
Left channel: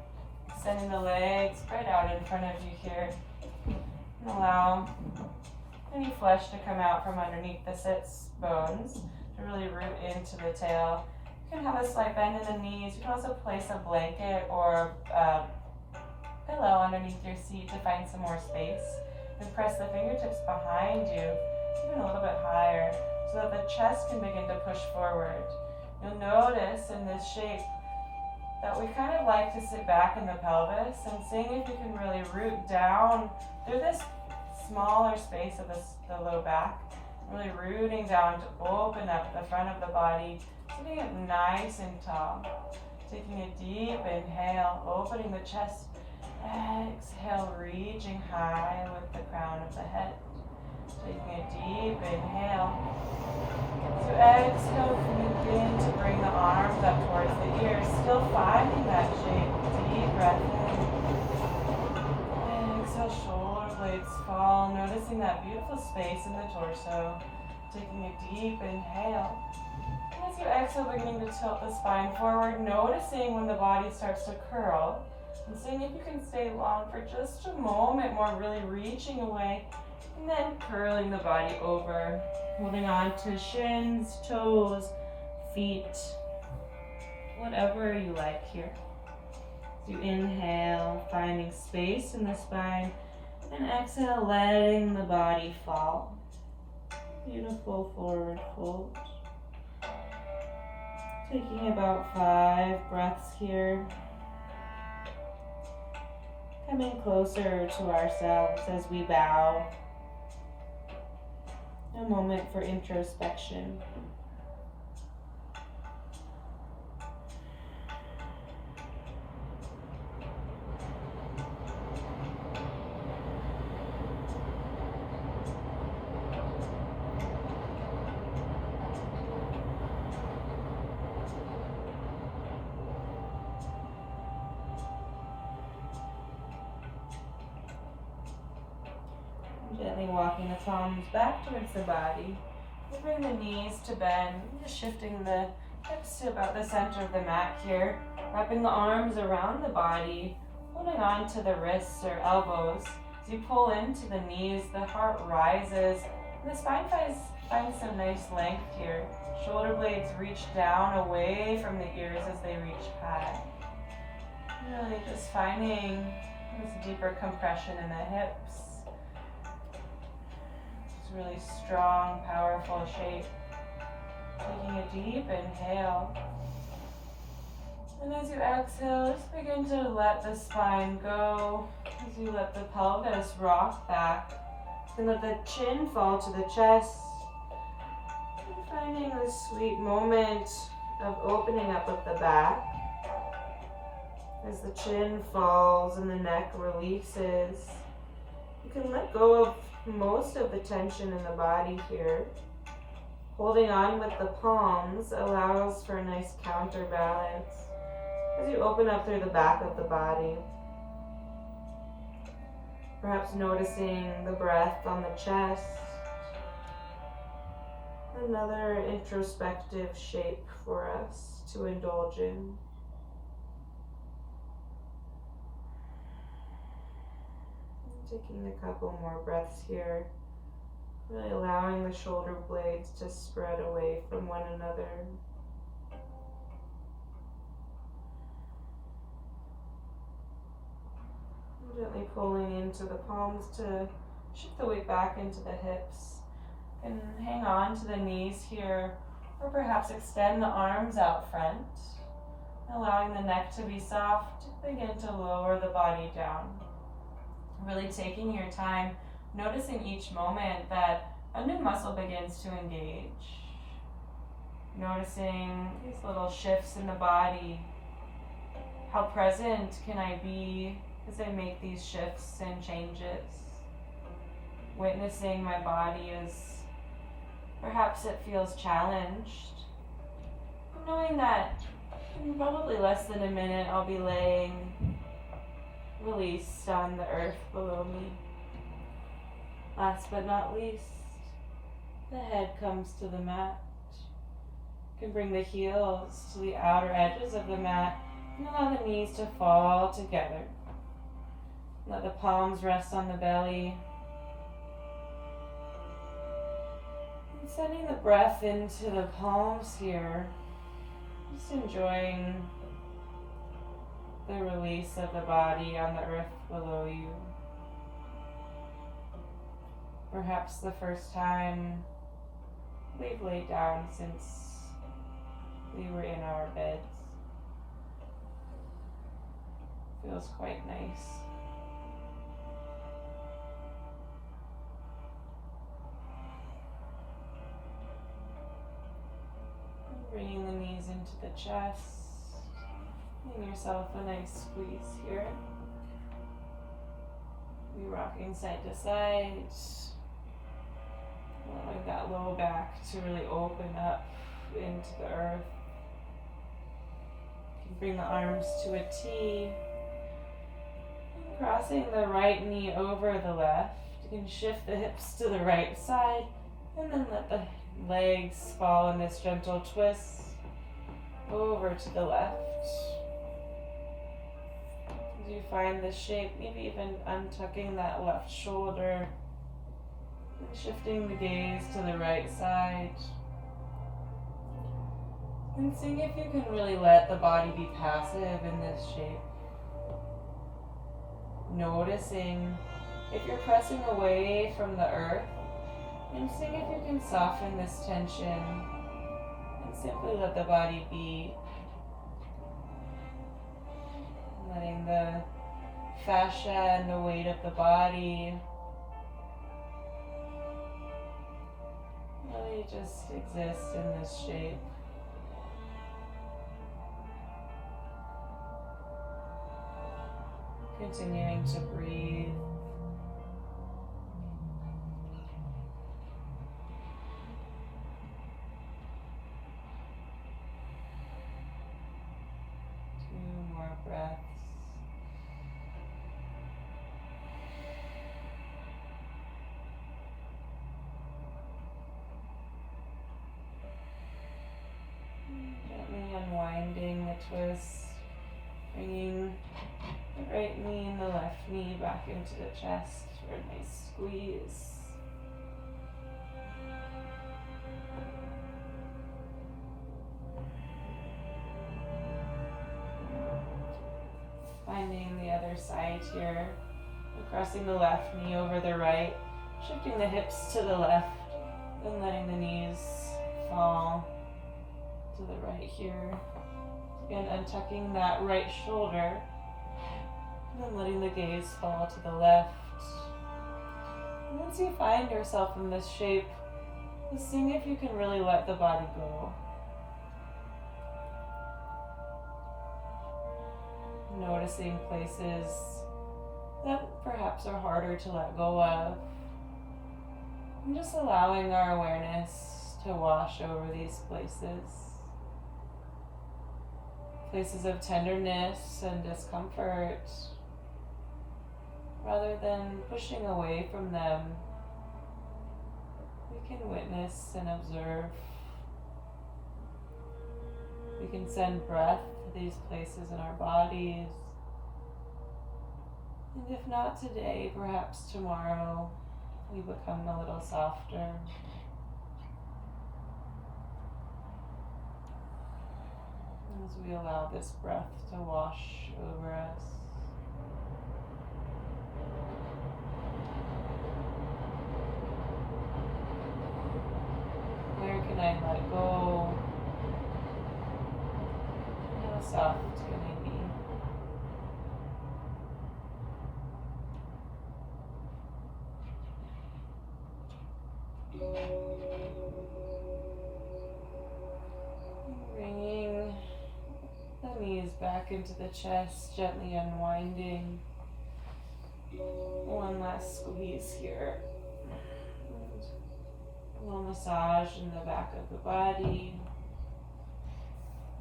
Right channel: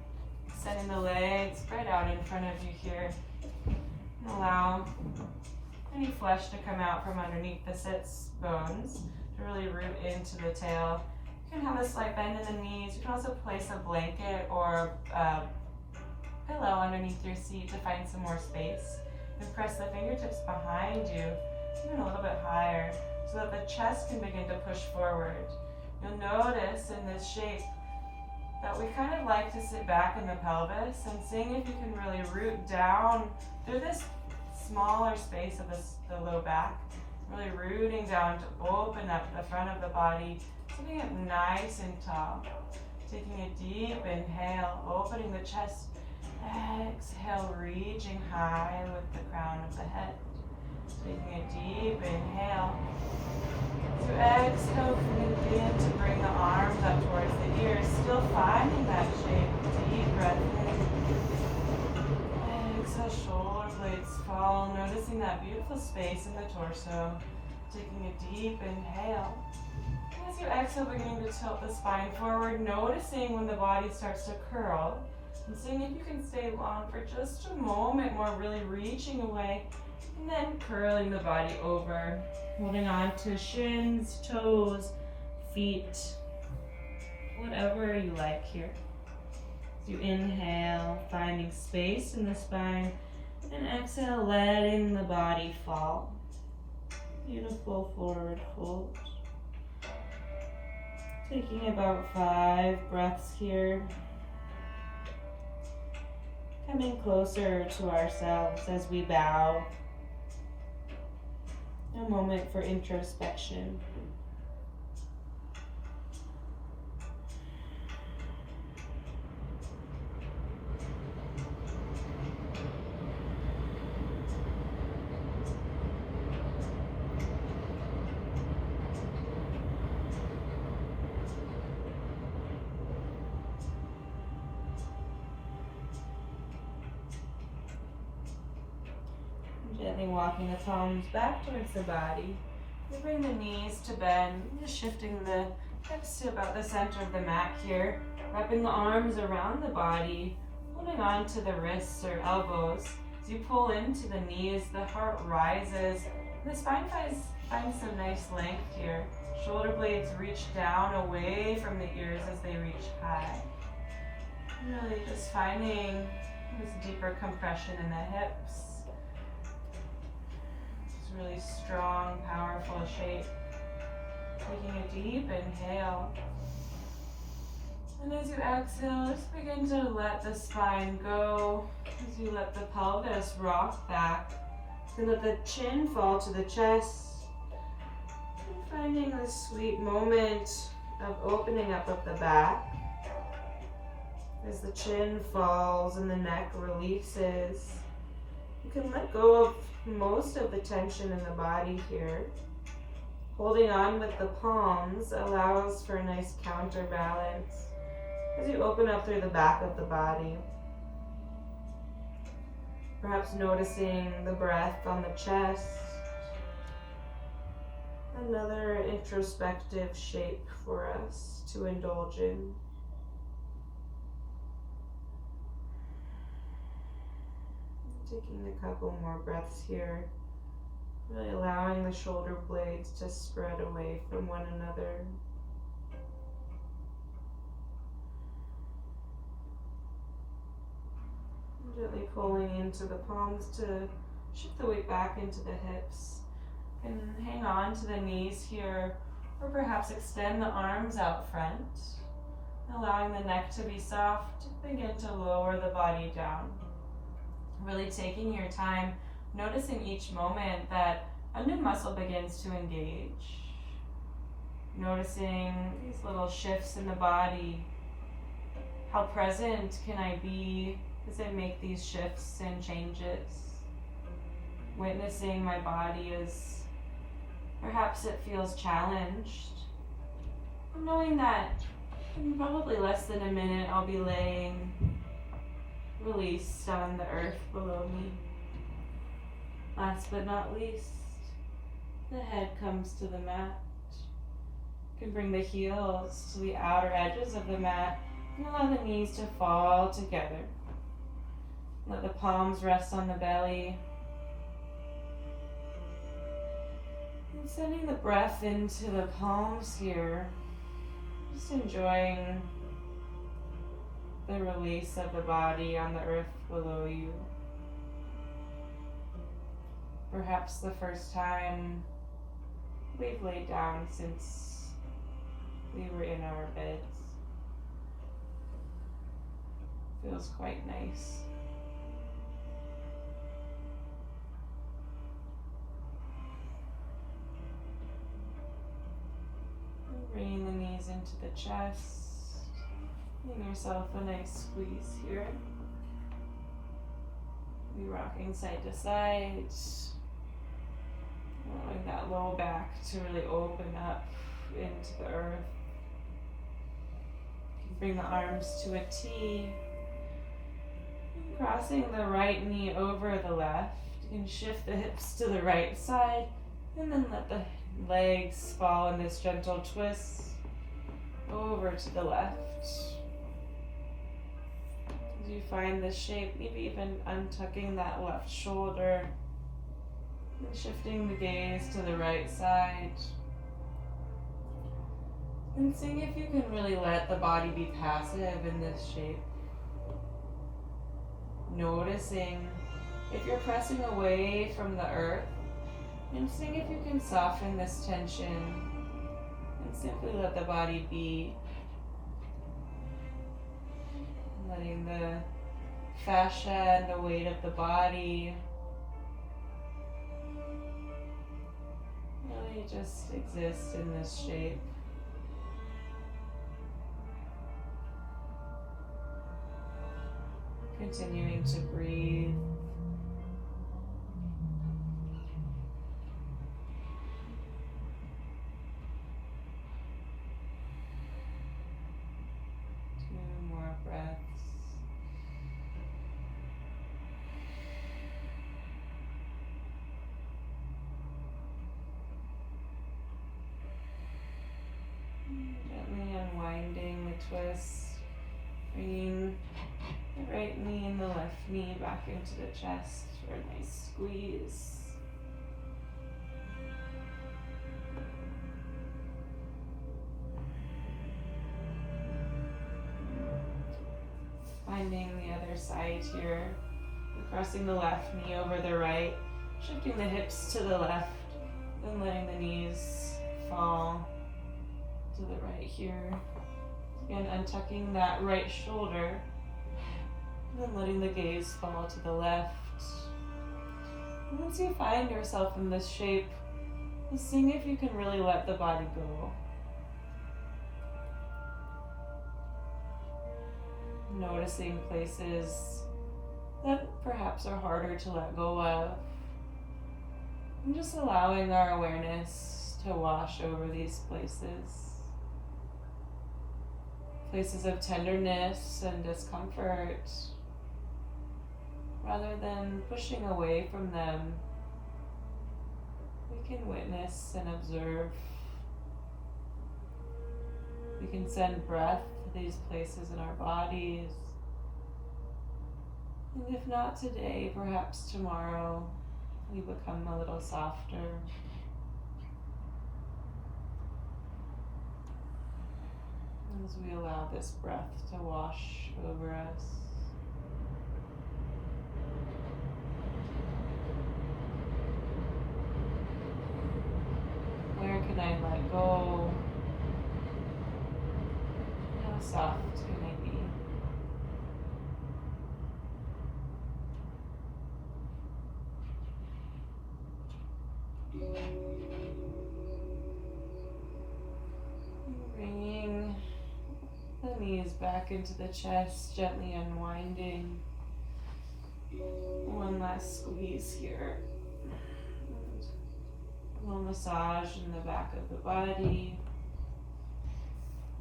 Sending the legs spread out in front of you here. And allow any flesh to come out from underneath the sits bones to really root into the tail. You can have a slight bend in the knees. You can also place a blanket or a pillow underneath your seat to find some more space. And press the fingertips behind you, even a little bit higher, so that the chest can begin to push forward. You'll notice in this shape that we kind of like to sit back in the pelvis and seeing if you can really root down through this smaller space of the low back, really rooting down to open up the front of the body, sitting it nice and tall. Taking a deep inhale, opening the chest. Exhale, reaching high with the crown of the head. Taking a deep inhale. So exhale, begin to bring the arms up towards the ears, still finding that shape. Deep breath in. Exhale, shoulder blades fall, noticing that beautiful space in the torso. Taking a deep inhale. And as you exhale, beginning to tilt the spine forward, noticing when the body starts to curl, and seeing if you can stay long for just a moment more, really reaching away, and then curling the body over. Holding on to shins, toes, feet, whatever you like here. As you inhale, finding space in the spine, and exhale, letting the body fall. Beautiful forward fold. Taking about 5 breaths here. Coming closer to ourselves as we bow. A moment for introspection. Gently walking the palms back towards the body. Bring the knees to bend, just shifting the hips to about the center of the mat here. Wrapping the arms around the body, holding on to the wrists or elbows. As you pull into the knees, the heart rises, and the spine finds some nice length here. Shoulder blades reach down away from the ears as they reach high. Really just finding this deeper compression in the hips. Really strong, powerful shape. Taking a deep inhale. And as you exhale, just begin to let the spine go. As you let the pelvis rock back. And let the chin fall to the chest. And finding this sweet moment of opening up of the back. As the chin falls and the neck releases. You can let go of most of the tension in the body here. Holding on with the palms allows for a nice counterbalance as you open up through the back of the body. Perhaps noticing the breath on the chest. Another introspective shape for us to indulge in. Taking a couple more breaths here, really allowing the shoulder blades to spread away from one another. Gently pulling into the palms to shift the weight back into the hips. And hang on to the knees here, or perhaps extend the arms out front, allowing the neck to be soft. Begin to lower the body down. Really taking your time, noticing each moment that a new muscle begins to engage. Noticing these little shifts in the body. How present can I be as I make these shifts and changes? Witnessing my body as perhaps it feels challenged. And knowing that in probably less than a minute I'll be laying released on the earth below me. Last but not least, the head comes to the mat. You can bring the heels to the outer edges of the mat and allow the knees to fall together. Let the palms rest on the belly. And sending the breath into the palms here, just enjoying the release of the body on the earth below you. Perhaps the first time we've laid down since we were in our beds. Feels quite nice. And bringing the knees into the chest. Giving yourself a nice squeeze here. Be rocking side to side. Allowing that low back to really open up into the earth. You can bring the arms to a T. And crossing the right knee over the left. You can shift the hips to the right side and then let the legs fall in this gentle twist over to the left. As you find this shape, maybe even untucking that left shoulder. Shifting the gaze to the right side. And seeing if you can really let the body be passive in this shape. Noticing if you're pressing away from the earth, and seeing if you can soften this tension and simply let the body be. Letting the fascia and the weight of the body really just exist in this shape. Continuing to breathe. Two more breaths. Gently unwinding the twist, bringing the right knee and the left knee back into the chest for a nice squeeze. Finding the other side here, crossing the left knee over the right, shifting the hips to the left, and letting the knees fall to the right here. Again, untucking that right shoulder, and then letting the gaze fall to the left. And once you find yourself in this shape, just seeing if you can really let the body go. Noticing places that perhaps are harder to let go of. And just allowing our awareness to wash over these places. Places of tenderness and discomfort. Rather than pushing away from them, we can witness and observe. We can send breath to these places in our bodies. And if not today, perhaps tomorrow, we become a little softer. As we allow this breath to wash over us. soft can they be? Bringing the knees back into the chest, gently unwinding. One last squeeze here. A little massage in the back of the body.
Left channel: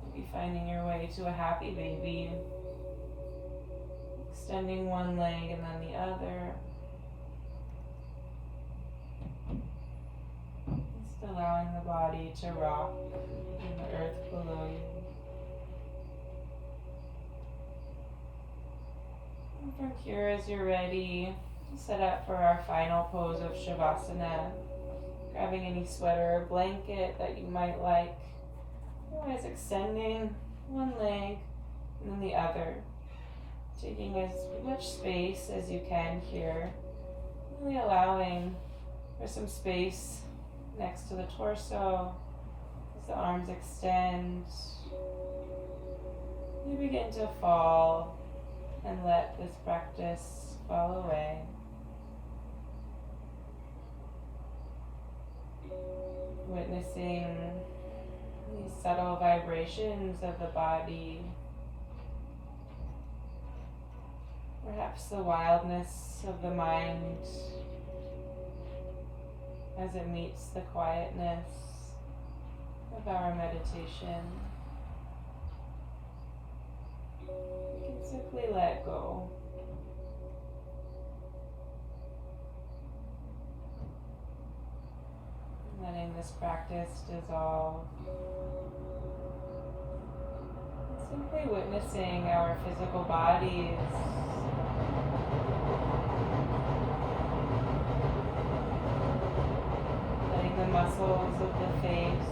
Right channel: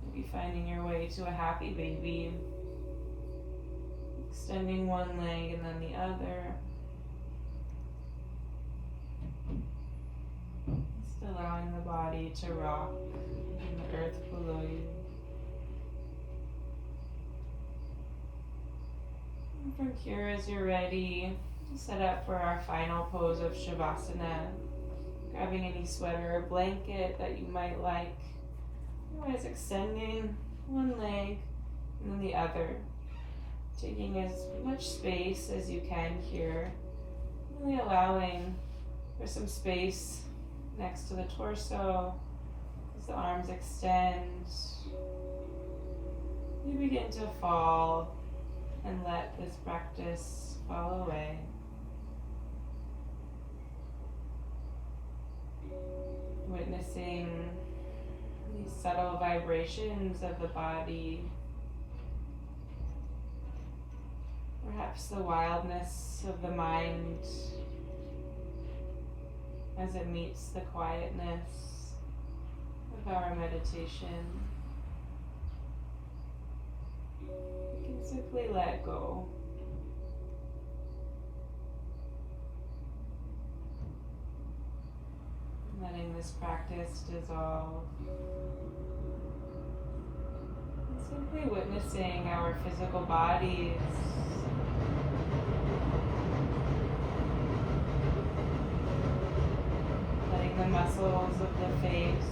Maybe finding your way to a happy baby. Extending one leg and then the other. Just allowing the body to rock in the earth below you. And from here, as you're ready, set up for our final pose of Shavasana. Grabbing any sweater or blanket that you might like. Otherwise, extending one leg and then the other. Taking as much space as you can here. Really allowing for some space next to the torso as the arms extend. You begin to fall and let this practice fall away. Witnessing these subtle vibrations of the body. Perhaps the wildness of the mind as it meets the quietness of our meditation. You can simply let go. Letting this practice dissolve. And simply witnessing our physical bodies. Letting the muscles of the face,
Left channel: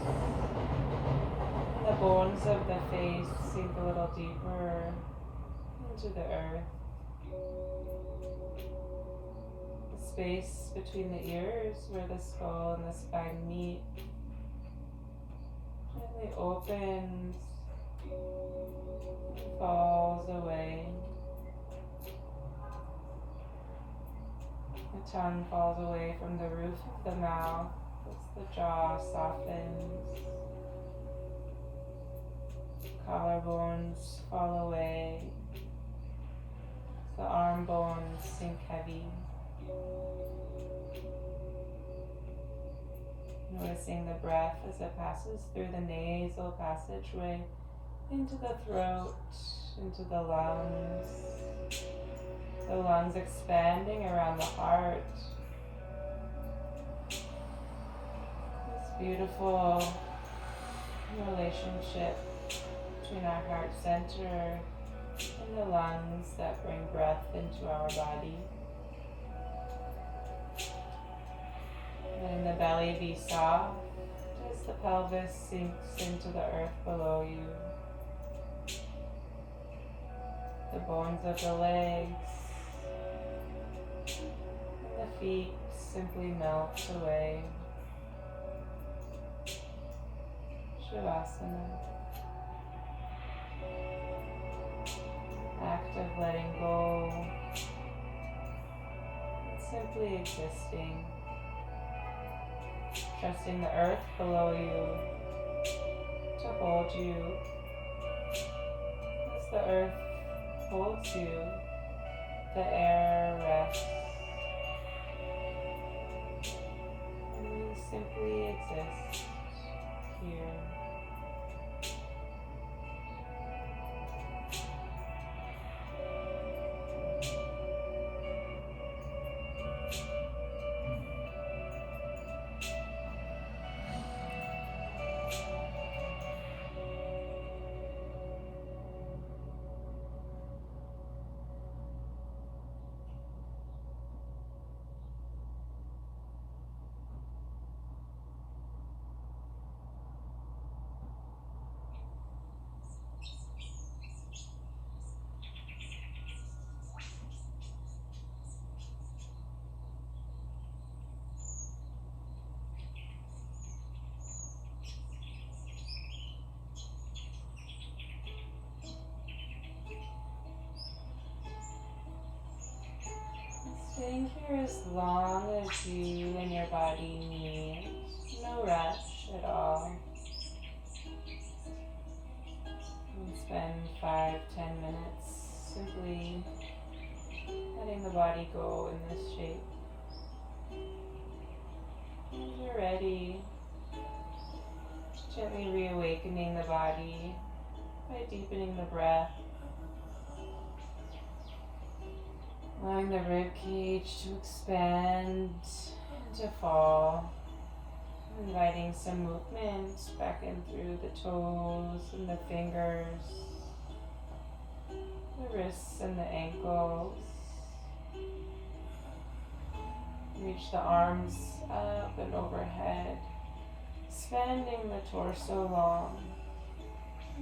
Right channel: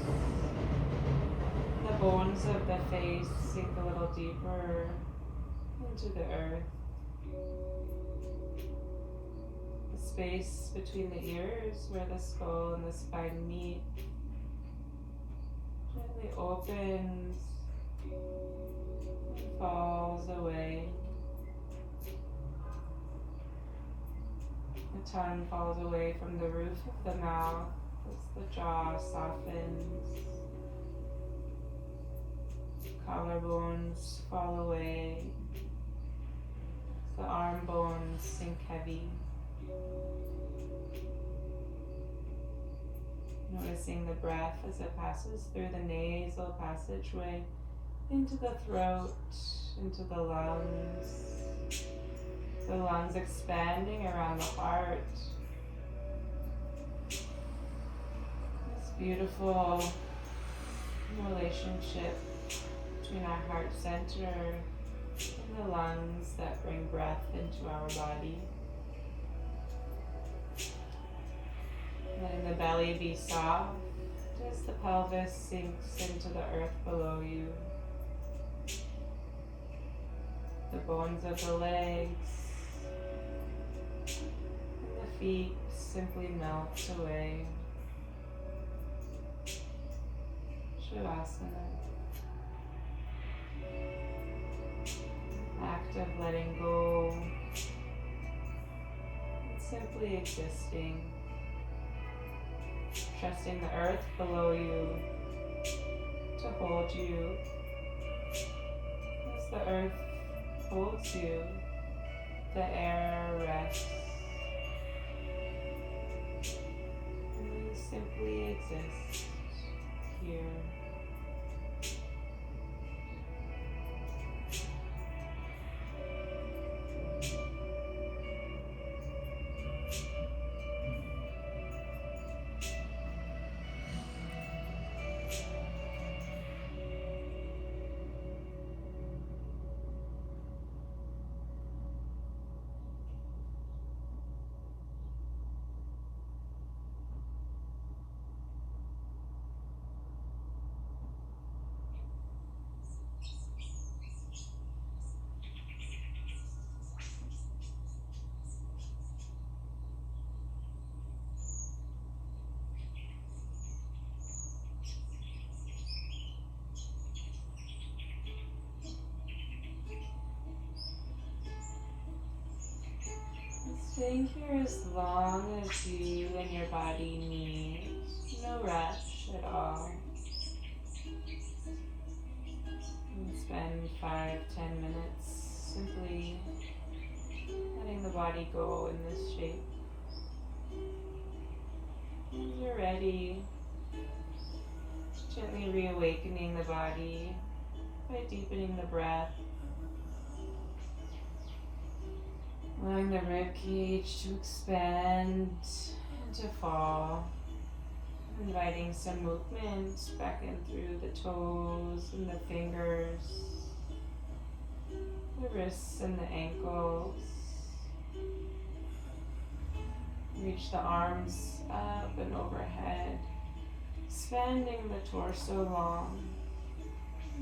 the bones of the face sink a little deeper into the earth. Space between the ears where the skull and the spine meet gently opens and falls away. The tongue falls away from the roof of the mouth as the jaw softens. Collarbones fall away as the arm bones sink heavy. Noticing the breath as it passes through the nasal passageway into the throat, into the lungs expanding around the heart. This beautiful relationship between our heart center and the lungs that bring breath into our body. Letting the belly be soft as the pelvis sinks into the earth below you. The bones of the legs and the feet simply melt away. Shavasana. Act of letting go. Simply existing. Trusting the earth below you to hold you. As the earth holds you, the air rests. And you simply exist here. Stay here as long as you and your body need. No rush at all. And spend 5-10 minutes simply letting the body go in this shape. When you're ready, gently reawakening the body by deepening the breath. Allowing the rib cage to expand and to fall. Inviting some movement back in through the toes and the fingers, the wrists and the ankles. Reach the arms up and overhead, expanding the torso long.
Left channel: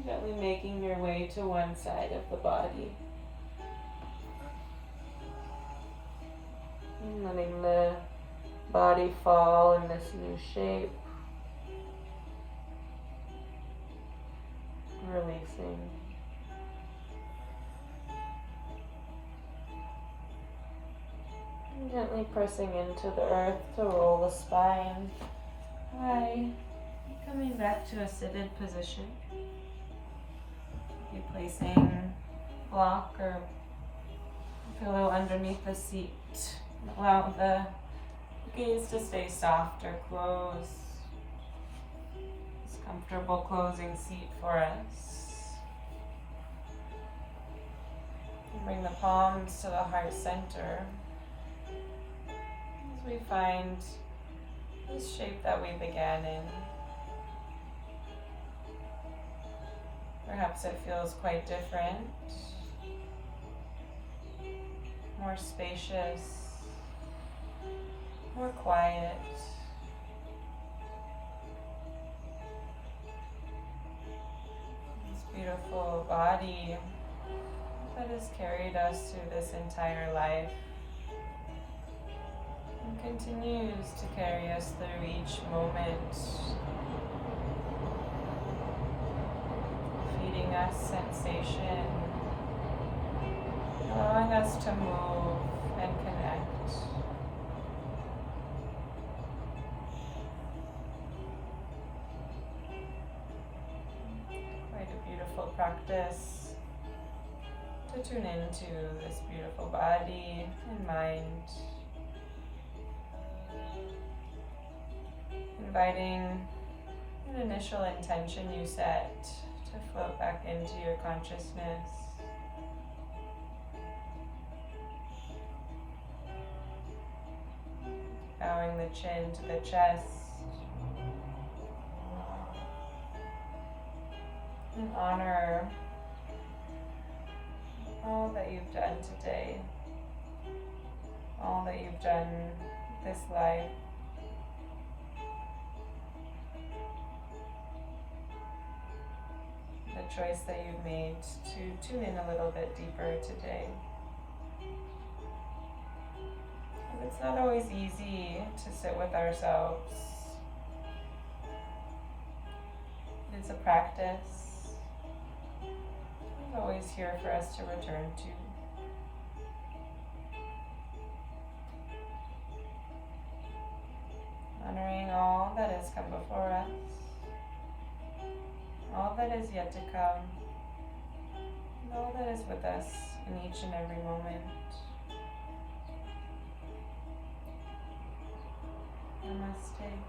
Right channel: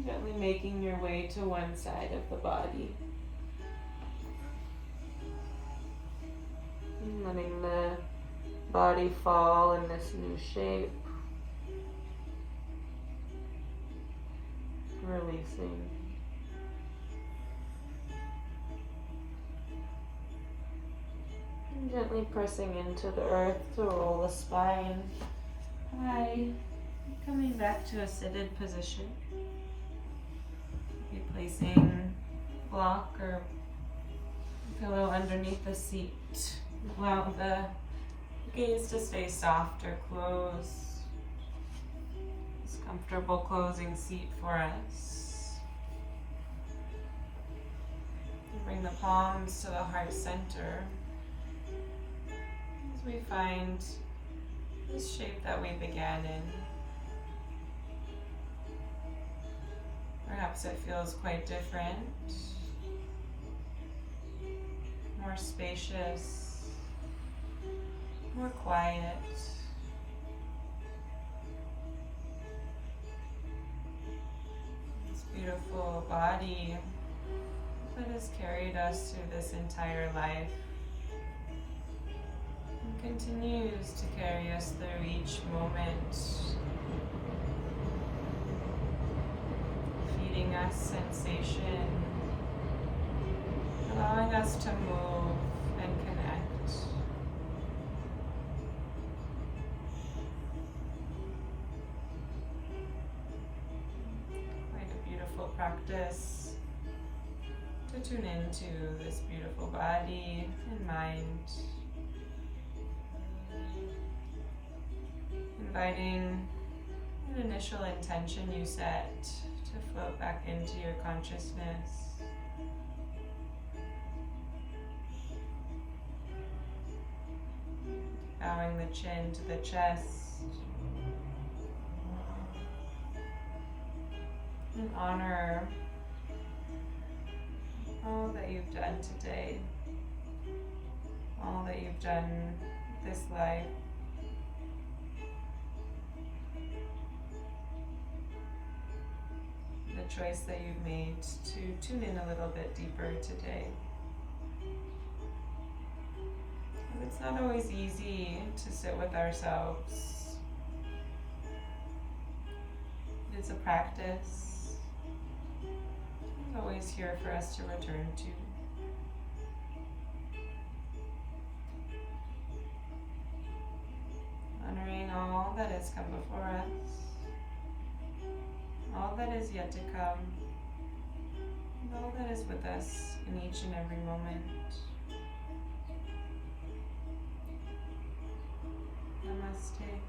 Gently making your way to one side of the body. And letting the body fall in this new shape. Releasing. And gently pressing into the earth to roll the spine. Coming back to a seated position. Be placing block or pillow underneath the seat. Allow the gaze to stay soft or close. This comfortable closing seat for us. Bring the palms to the heart center as we find this shape that we began in. Perhaps it feels quite different, more spacious, more quiet. This beautiful body that has carried us through this entire life and continues to carry us through each moment, feeding us sensation, allowing us to move and connect. Quite a beautiful practice to tune into this beautiful body and mind. Inviting an initial intention you set to float back into your consciousness. Bowing the chin to the chest. And honor all that you've done today, all that you've done this life. The choice that you've made to tune in a little bit deeper today. And it's not always easy to sit with ourselves. It's a practice. It's always here for us to return to. Honoring all that has come before us, all that is yet to come, and all that is with us in each and every moment. Namaste.